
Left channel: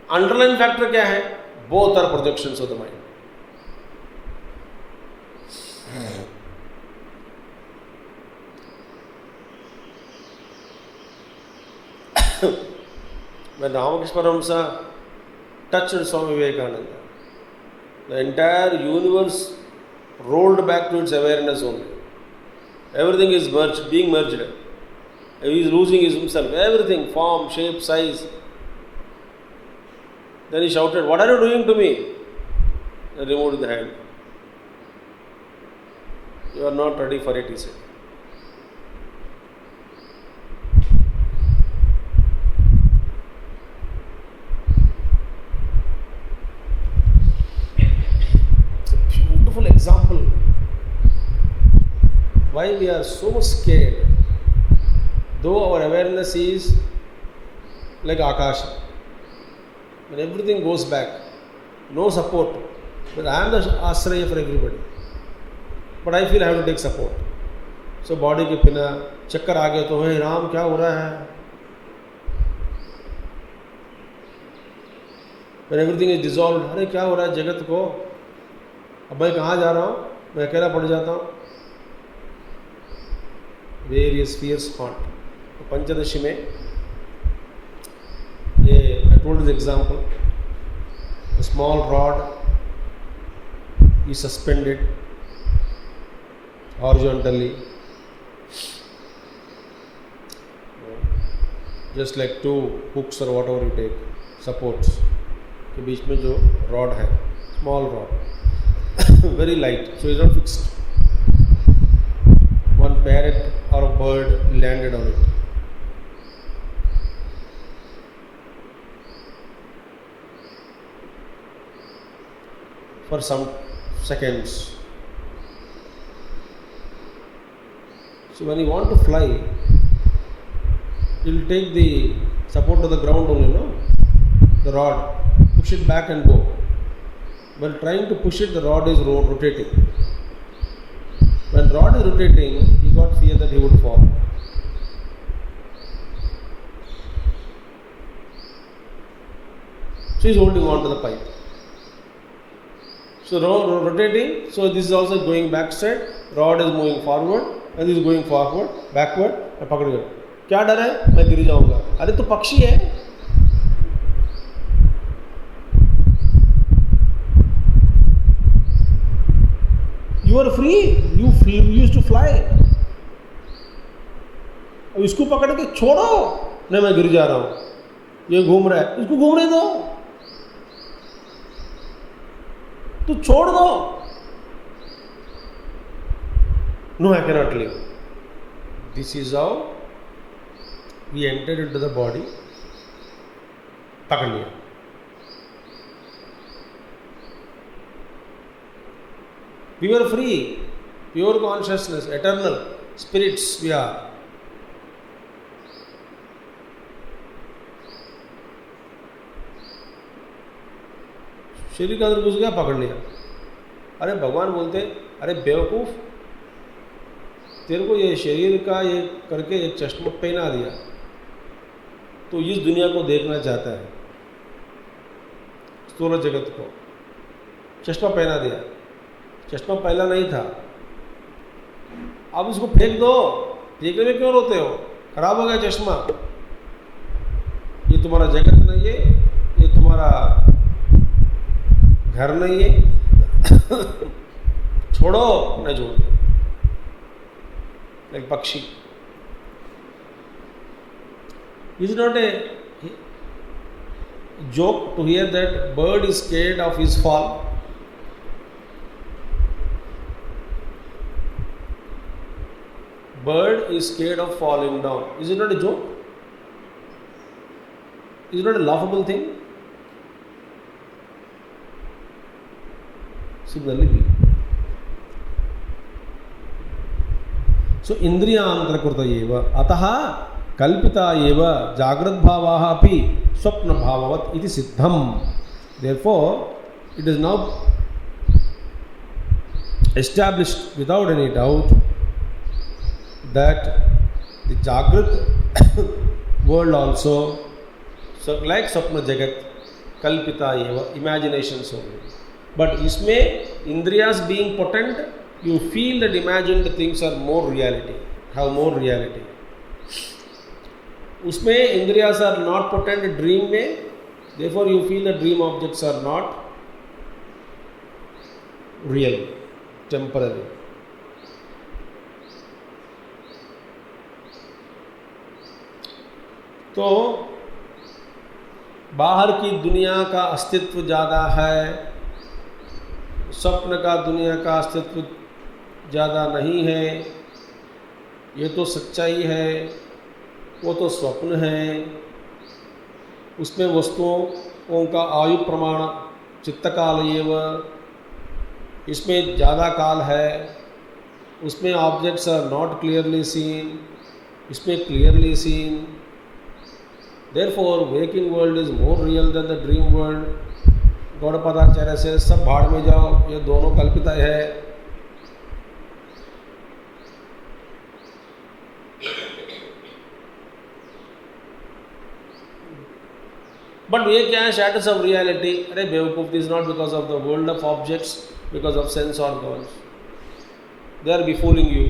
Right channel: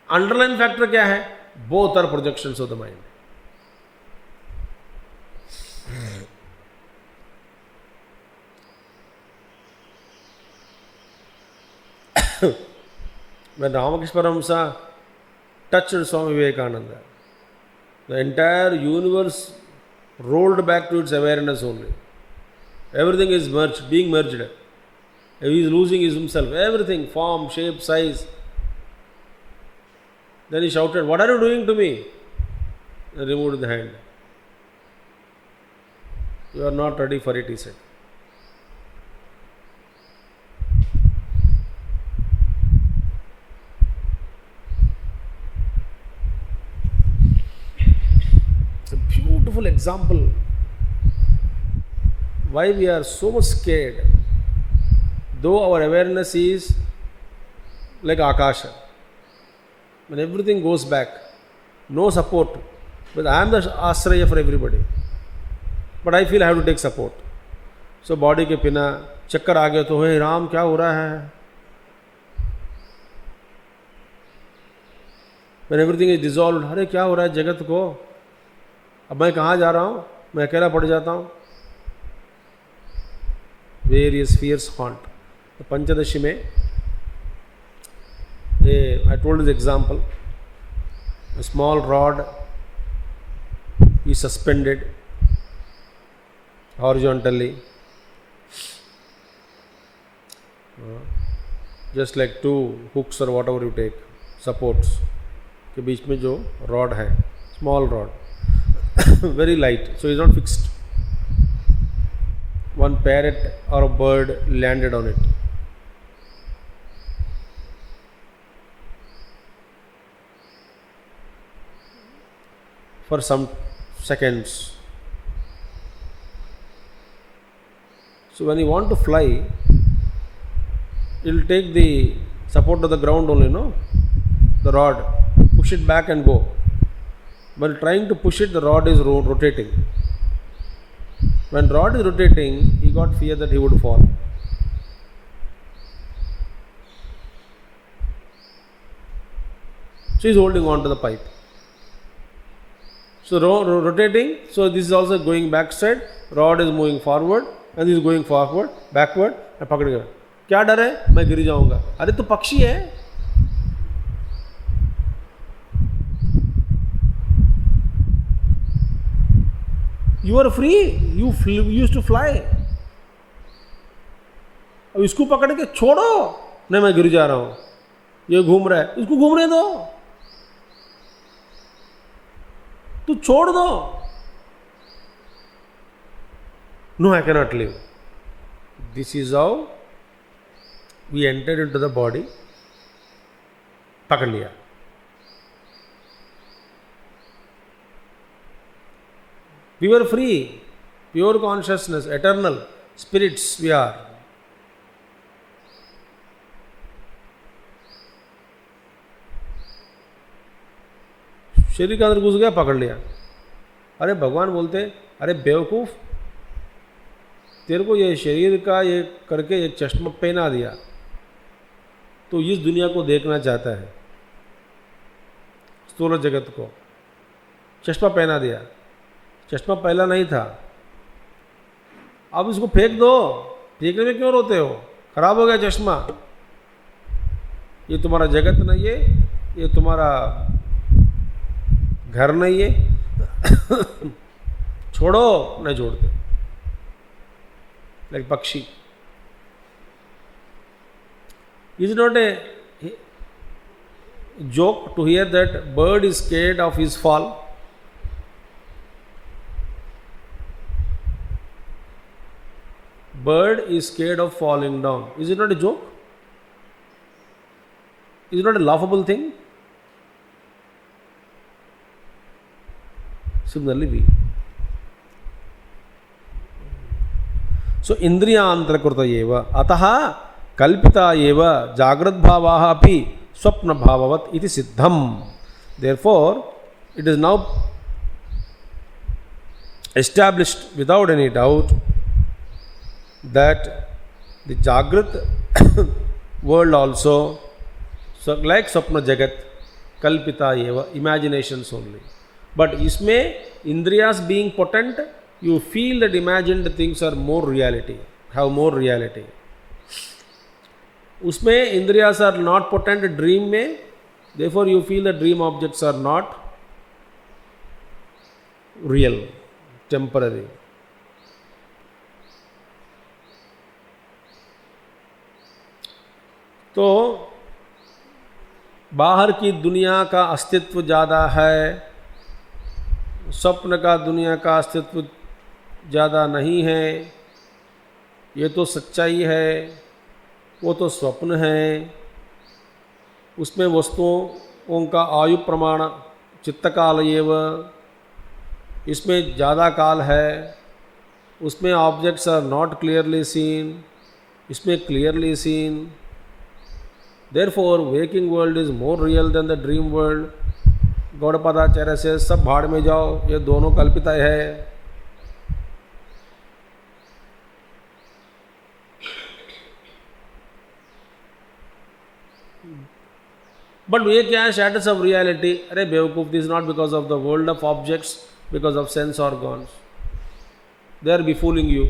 Underlying factor क्या है? Both are projections of the mind. When Ramakrishna Paramhansa touched Swami Vivekananda, the entire universe rolled back to its awareness only. Everything is merged, being merged. He is losing himself, everything, form, shape, size. Then he shouted, "What are you doing to me?" And removed the hand. "You are not ready for it," he said. It's a beautiful example. Why we are so much scared, though our awareness is like Akasha. When everything goes back, no support, but I am the ashraya for everybody. But I feel I have to take support. So body के बिना चक्कर आ गया तो हे राम क्या हो रहा है? When everything is dissolved, अरे क्या हो रहा है जगत को? अब मैं कहाँ जा रहा हूँ? मैं अकेला पड़ जाता हूँ. Various fears haunt. तो पंचदशी में I told this example. A small rod is suspended horizontally, just like two hooks or whatever you take, supports के बीच में जो rod है, small rod, very light, so it's not fixed. One parrot or a bird landed on it. For some seconds. So when you want to fly, it will take the support of the ground only, no? The rod, push it back and go. While trying to push it, the rod is rotating. When rod is rotating, he got fear that he would fall. So he is holding on to the pipe. So rotating, so this is also going backside, rod is moving forward and this is going forward, backward, and पकड़ गया. क्या डर है? मैं गिर जाऊंगा. अरे तो पक्षी है. You are free. You used to fly. अब इसको पकड़ के छोड़ो. नहीं मैं गिर जा रहा हूँ. ये घूम रहा है. इसको घूमने दो. तो छोड़ दो. No, I cannot live. This is how we entered into the body. पकड़ लिया. We were free, pure consciousness, eternal spirits we are. शरीर के अंदर घुस गया, पकड़ लिया। अरे भगवान बोलते, अरे बेवकूफ़, तेरे को ये शरीर का ये करके एक चश्मा पहना दिया, तो इस दुनिया को देखना चाहता है, स्थूल जगत को चश्मा पहना दिया, चश्मा पहला नहीं था, अब इसको फेंक दो, फेंकने में क्यों रोते हो, खराब हो गया चश्मा, ये तुम्हारा जगत नहीं है, ये तुम्हारा घर नहीं है, छोड़ो, नहीं छोड़ते। लाइक पक्षी, is not a joke to hear that bird is scared of his fall? Bird is scared of falling down. Is it not a joke? Is it not a laughable thing? Similarly, we. So, indriyantrakrita eva ataha kalpita eva jagrat bhavaha api स्वप्न भाववत इति सिद्धम। Therefore, it is now established without any doubt that the Jagrat world also, so like Swapna Jagat, Kalpita eva, imaginations only. But isme Indriyas being potent, you feel that imagined things are more reality, have more reality. उसमें इंद्रियास are not potent dream में, therefore you feel the dream objects are not real, temporary. तो बाहर की दुनिया का अस्तित्व ज़्यादा है, स्वप्न का दुनिया का अस्तित्व ज़्यादा नहीं है, ये तो सच्चाई है, वो तो स्वप्न है। उसमें वस्तुओं का आयु प्रमाण चित्तकाल एव, इसमें ज़्यादा काल है, उसमें objects are not clearly seen, इसमें clearly seen. Therefore waking world is more real than the dream world. Gaudapadacharya से सब भाड़ में जाओ, ये दोनों कल्पित है। बट ये क्या है, स्टेटस ऑफ रियलिटी? अरे बेवकूफ, this not because of the world of objects, because of sense organs, they are befooling you.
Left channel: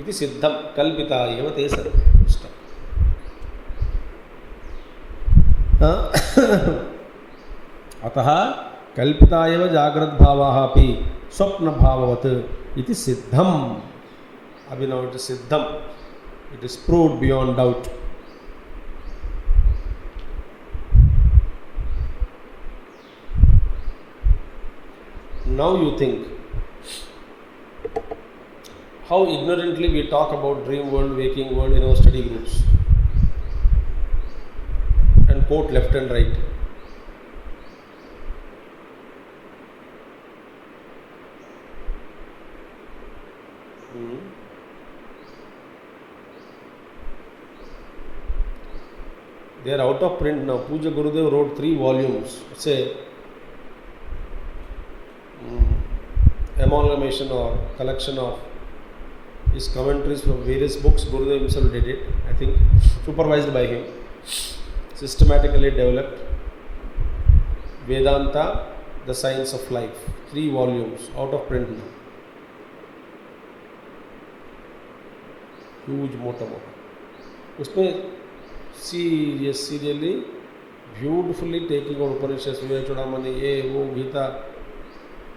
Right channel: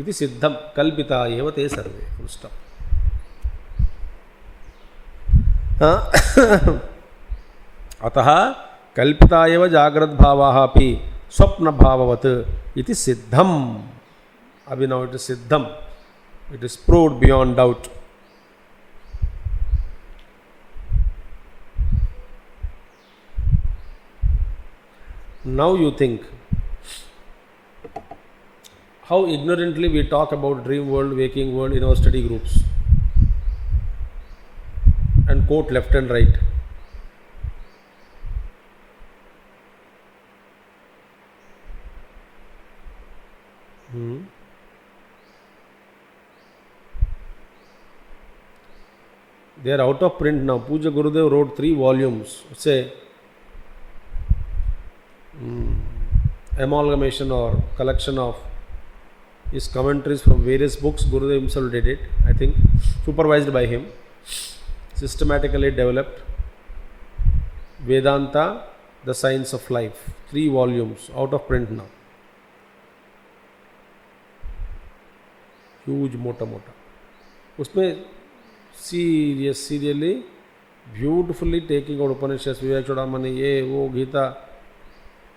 इति सिद्धम कल्पिता एव ते सर्वे। अतः कल्पिता एव जाग्रत भावाः अपि स्वप्न भाववत् इति सिद्धम। अभी नाउ इट इज सिद्धम, it is proved beyond doubt. Now you think how ignorantly we talk about dream world, waking world in our study groups and quote left and right. They are out of print now. Puja Gurudev wrote 3 volumes. It's a amalgamation or collection of his commentaries from various books. Gurudev himself did it, I think, supervised by him. Systematically developed Vedanta, the Science of Life. 3 volumes out of print now. Huge, mota. उसमें seriously, beautifully taking out Upanishads, Vivek Chudamani, ye, wo, Gita,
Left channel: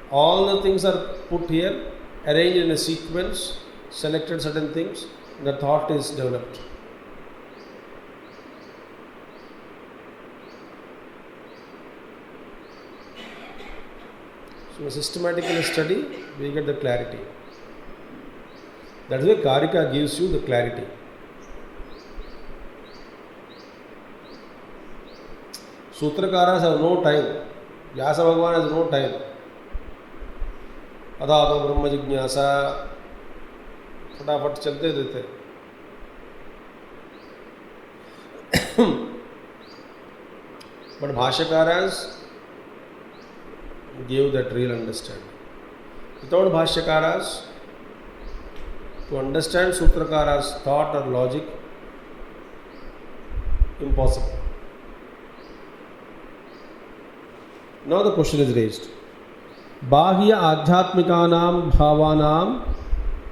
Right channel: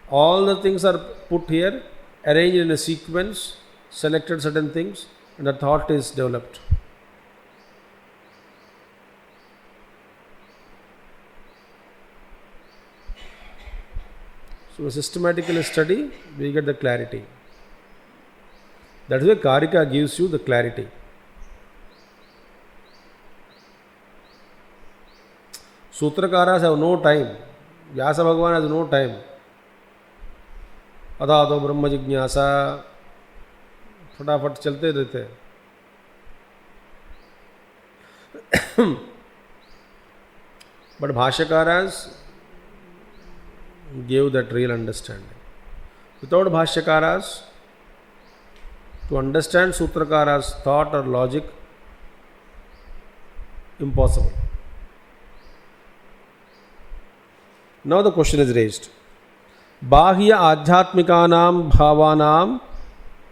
all the things are put here, arranged in a sequence, selected certain things, and the thought is developed. So, systematically study, we get the clarity. That is why Karika gives you the clarity. Sutrakara have no time. Vyasa Bhagavan has no time. अदातो ब्रह्म जिज्ञासा फटाफट चलते रहते हैं। But Bhashakaras gave that real understanding. Without Bhashakaras, to understand Sutrakara's thought or logic, impossible. Now the question is raised. Bahya adhyatmikanam bhavanam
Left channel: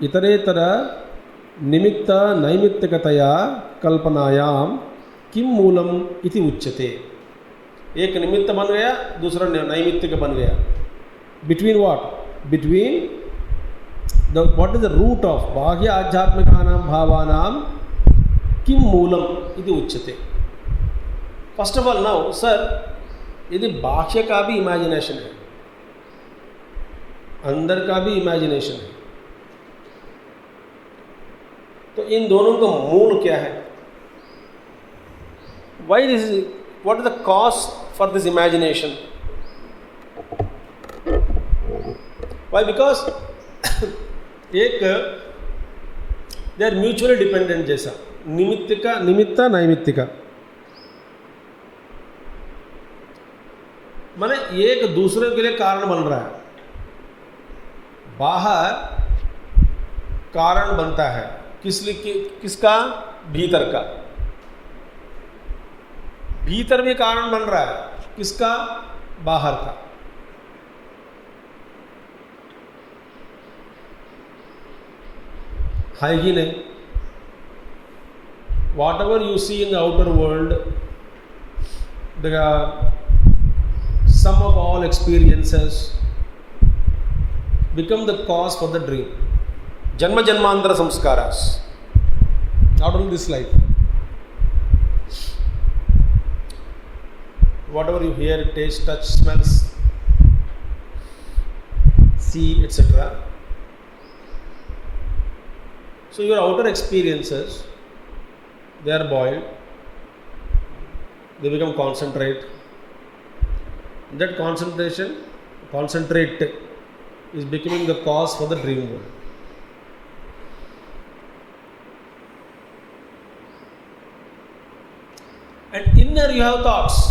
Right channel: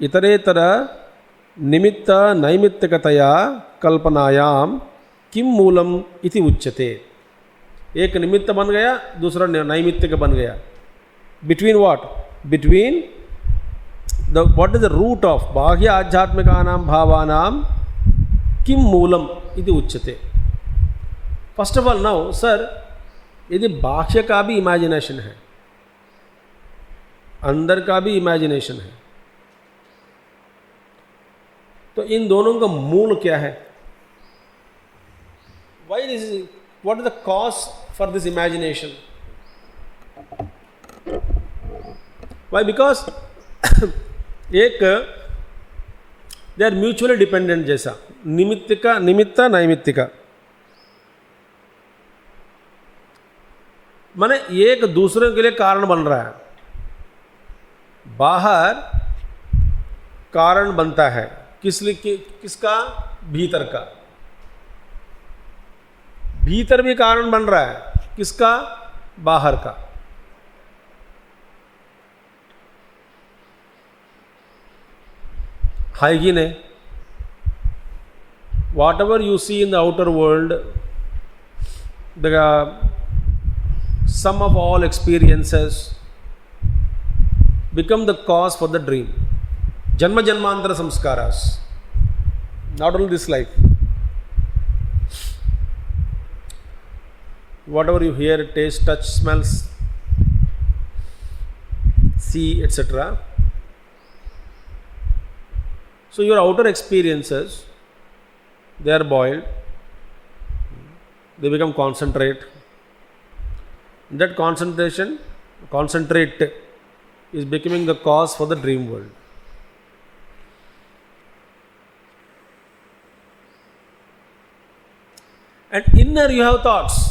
itaretara nimitta naimittikataya kalpanayam किम मूलम इति उच्यते. एक निमित्त बन गया, दूसरा नैमित्तिक बन गया. Between what? Between the what is the root of बाह्य आध्यात्मिकानां भावानां किम मूलम इति उच्यते. First of all now sir, यदि बाह्य का भी इमेजिनेशन है, अंदर का भी इमेजिनेशन है, तो इन दोनों का मूल क्या है? Why this is, what is the cause for this imagination? Why? Because एक they are mutually dependent जैसा, निमित्तिका निमित्ता नैमित्तिका, माने एक दूसरे के लिए कारण बन रहा है. बाहर कारण बनता है किस लिए? किसका? भीतर का. भीतर भी कारण बन रहा है किसका? बाहर का. है कि नहीं? Whatever you see in the outer world, the sum of all experiences become the cause for the dream. जन्म जन्मांतर संस्कारास, not only this life. Whatever you hear, taste, touch, smells, see, etc. So your outer experiences, they are boiled, they become concentrate. That concentrate is becoming the cause for the dream world. And inner you have thoughts,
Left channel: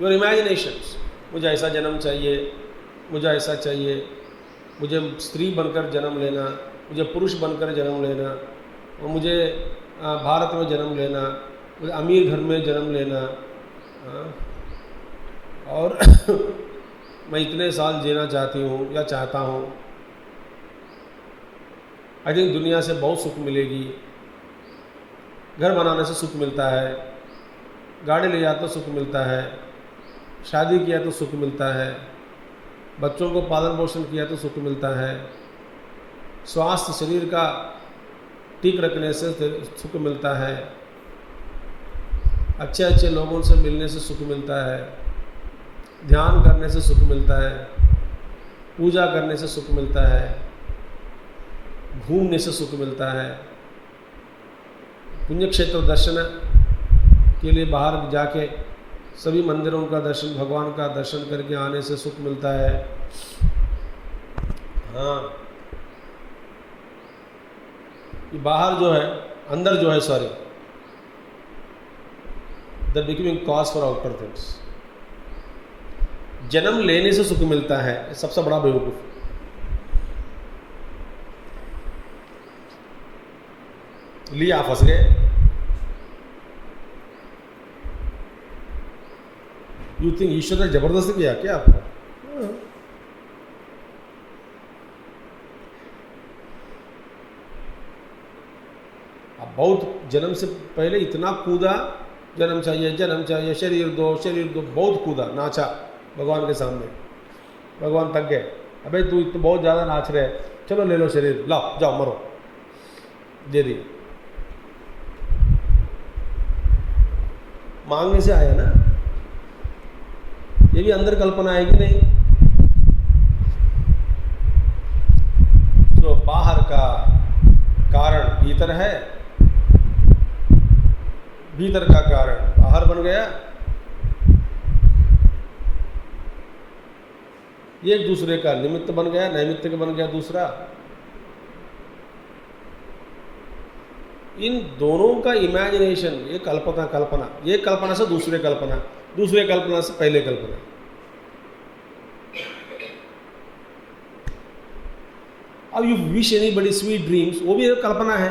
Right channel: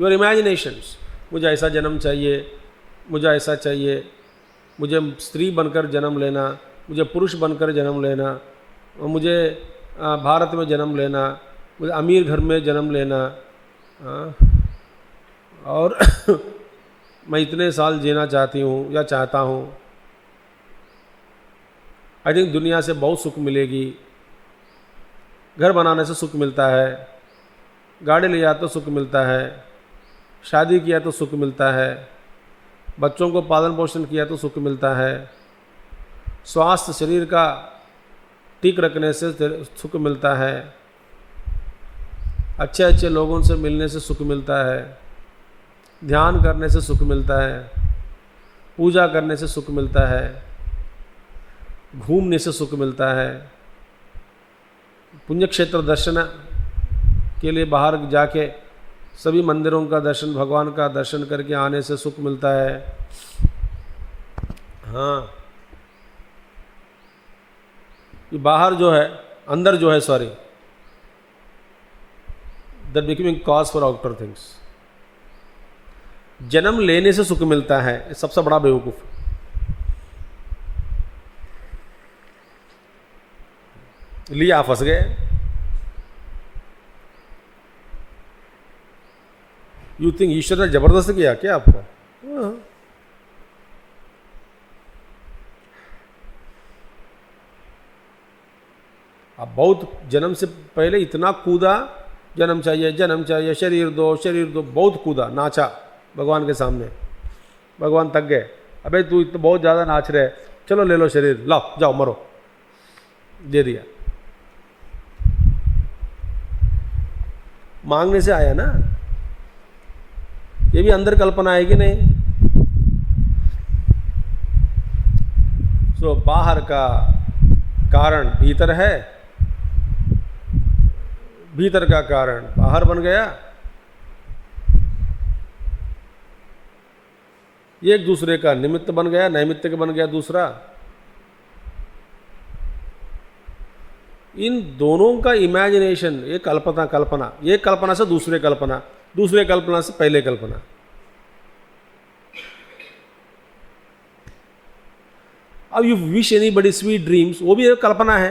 your imaginations. मुझे ऐसा जन्म चाहिए, मुझे ऐसा चाहिए, मुझे स्त्री बनकर जन्म लेना, मुझे पुरुष बनकर जन्म लेना, और मुझे भारत में जन्म लेना, मुझे अमीर घर में जन्म लेना, और मैं इतने साल जीना चाहती हूँ या चाहता हूँ. आई थिंक दुनिया से बहुत सुख मिलेगी. घर बनाने से सुख मिलता है, गाड़ी ले जाते तो सुख मिलता है, शादी किया तो सुख मिलता है, बच्चों को पालन पोषण किया तो सुख मिलता है, स्वास्थ्य शरीर का ठीक रखने से सुख मिलता है, अच्छे अच्छे लोगों से मिलने से सुख मिलता है, ध्यान करने से सुख मिलता है, पूजा करने से सुख मिलता है, घूमने से सुख मिलता है, पुण्य क्षेत्र दर्शन के लिए बाहर जाके सभी मंदिरों का दर्शन, भगवान का दर्शन करके आने से सुख मिलता है. हाँ, ये बाहर जो है, अंदर जो है, sorry, that becoming cause for outer things. जन्म लेने से सुख मिलता है, सबसे बड़ा बेवकूफ. लिया, फंस गए. यू थिंक ईश्वर ने जबरदस्त किया क्या आपको? आप बहुत जन्म से पहले इतना कूदा, जन्म चाहिए, जन्म चाहिए, शरीर दो, शरीर दो, बहुत कूदा, नाचा भगवान के सामने. भगवान थक गए. अबे तू तो बहुत ज़्यादा नाच रहे, चलो ले लो शरीर, लाओ जाओ मरो. दे दिया. मांगने से आया ना. ये भी अंदर कल्पना है कि नहीं? तो बाहर का कारण भीतर है, भीतर का कारण बाहर बन गया. ये एक दूसरे का निमित्त बन गया, नैमित्तिक बन गया दूसरा. इन दोनों का इमेजिनेशन, ये कल्पना कल्पना, ये कल्पना से दूसरे कल्पना, दूसरे कल्पना से पहले कल्पना। अब यू विश एनी बड़ी स्वीट ड्रीम्स, वो भी एक कल्पना है।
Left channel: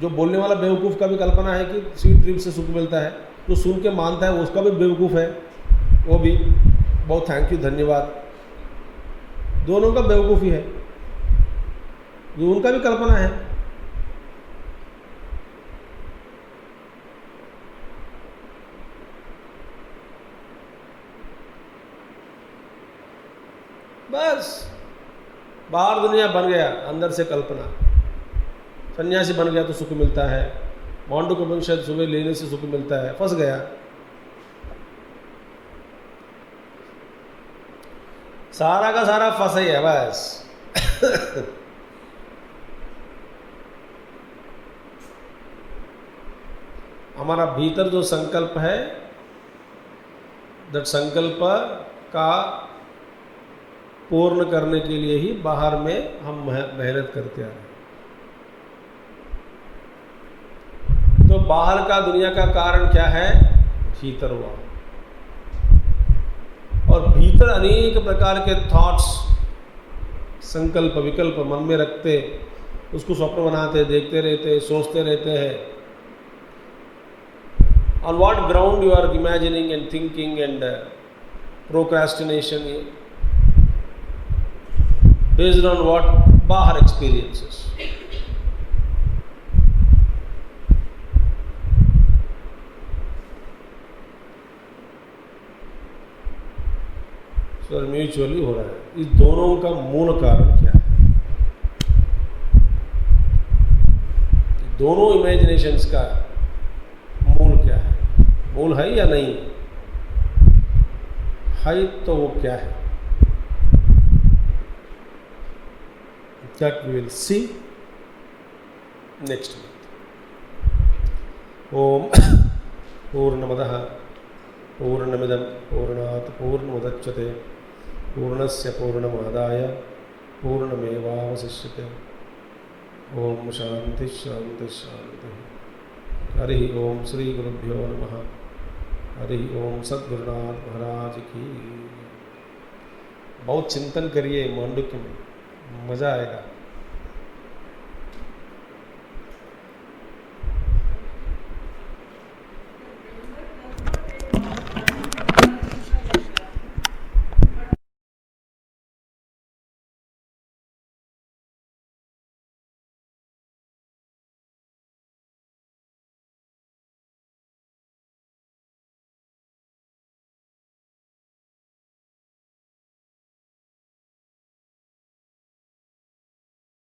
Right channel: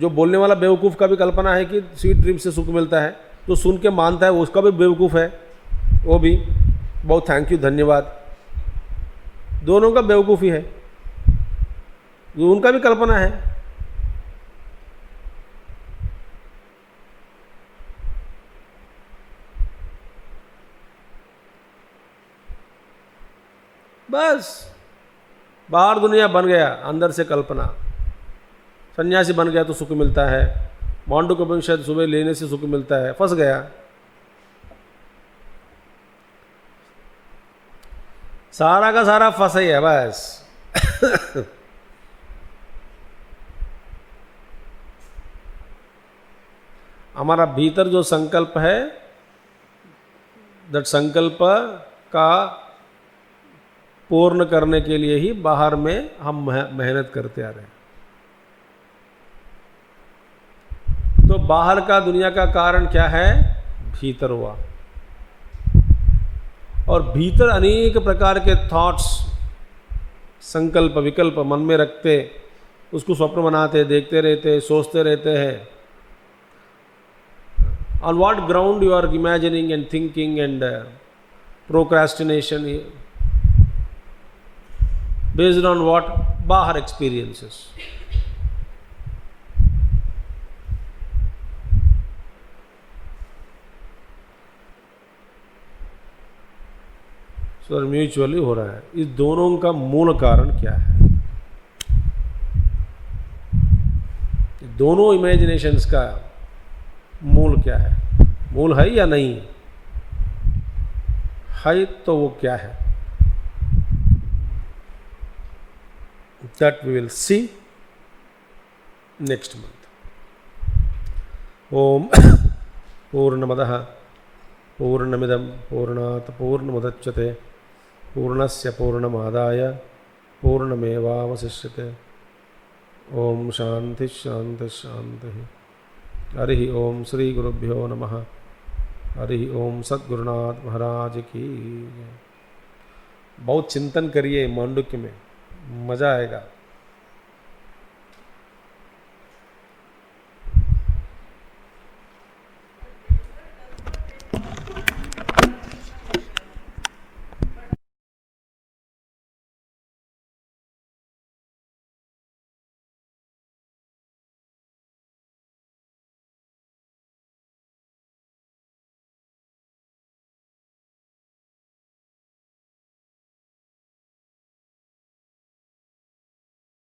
जो बोलने वाला बेवकूफ़ का भी कल्पना है कि स्वीट ड्रीम्स से सुख मिलता है, तो सुन के मानता है उसका भी बेवकूफ़ है, वो भी बहुत थैंक यू धन्यवाद, दोनों का बेवकूफ़ी है, उनका भी कल्पना है। बस बाहर दुनिया बन गया, अंदर से कल्पना। सन्यासी बन गया तो सुख मिलता है, मांडुक्योपनिषद सुबह लेने से सुख मिलता है, फंस गया। सारा का सारा फंसा ही है बस। हमारा भीतर जो संकल्प है, दैट संकल्प का पूर्ण करने के लिए ही बाहर में हम मेहनत करते आ रहे हैं। तो बाहर का दुनिया का कारण क्या है? भीतर हुआ। और भीतर अनेक प्रकार के थॉट्स, संकल्प विकल्प मन में रखते, उसको स्वप्न बनाते, देखते रहते, सोचते रहते हैं। On what ground you are imagining and thinking and procrastination? Based on what? Bahar experiences. So mutually हो रहा है। इस दोनों का मूल कारण क्या है? दोनों इमेजिनेशंस का मूल क्या है? मूल है या नहीं है, तो वो क्या है? That we will see next month. Om Purnamadah Purnamidam Purnat Purnamudachyate Purnasya Purnamadaya Purnamevavasishyate. Om Shanti Shanti Shanti. Hari ओम श्री गुरुभ्यो नमः। हरि ओम सद्गुरुनाथ महाराज की। बहुत चिंतन करिए मांडुक्य में, मज़ा आएगा।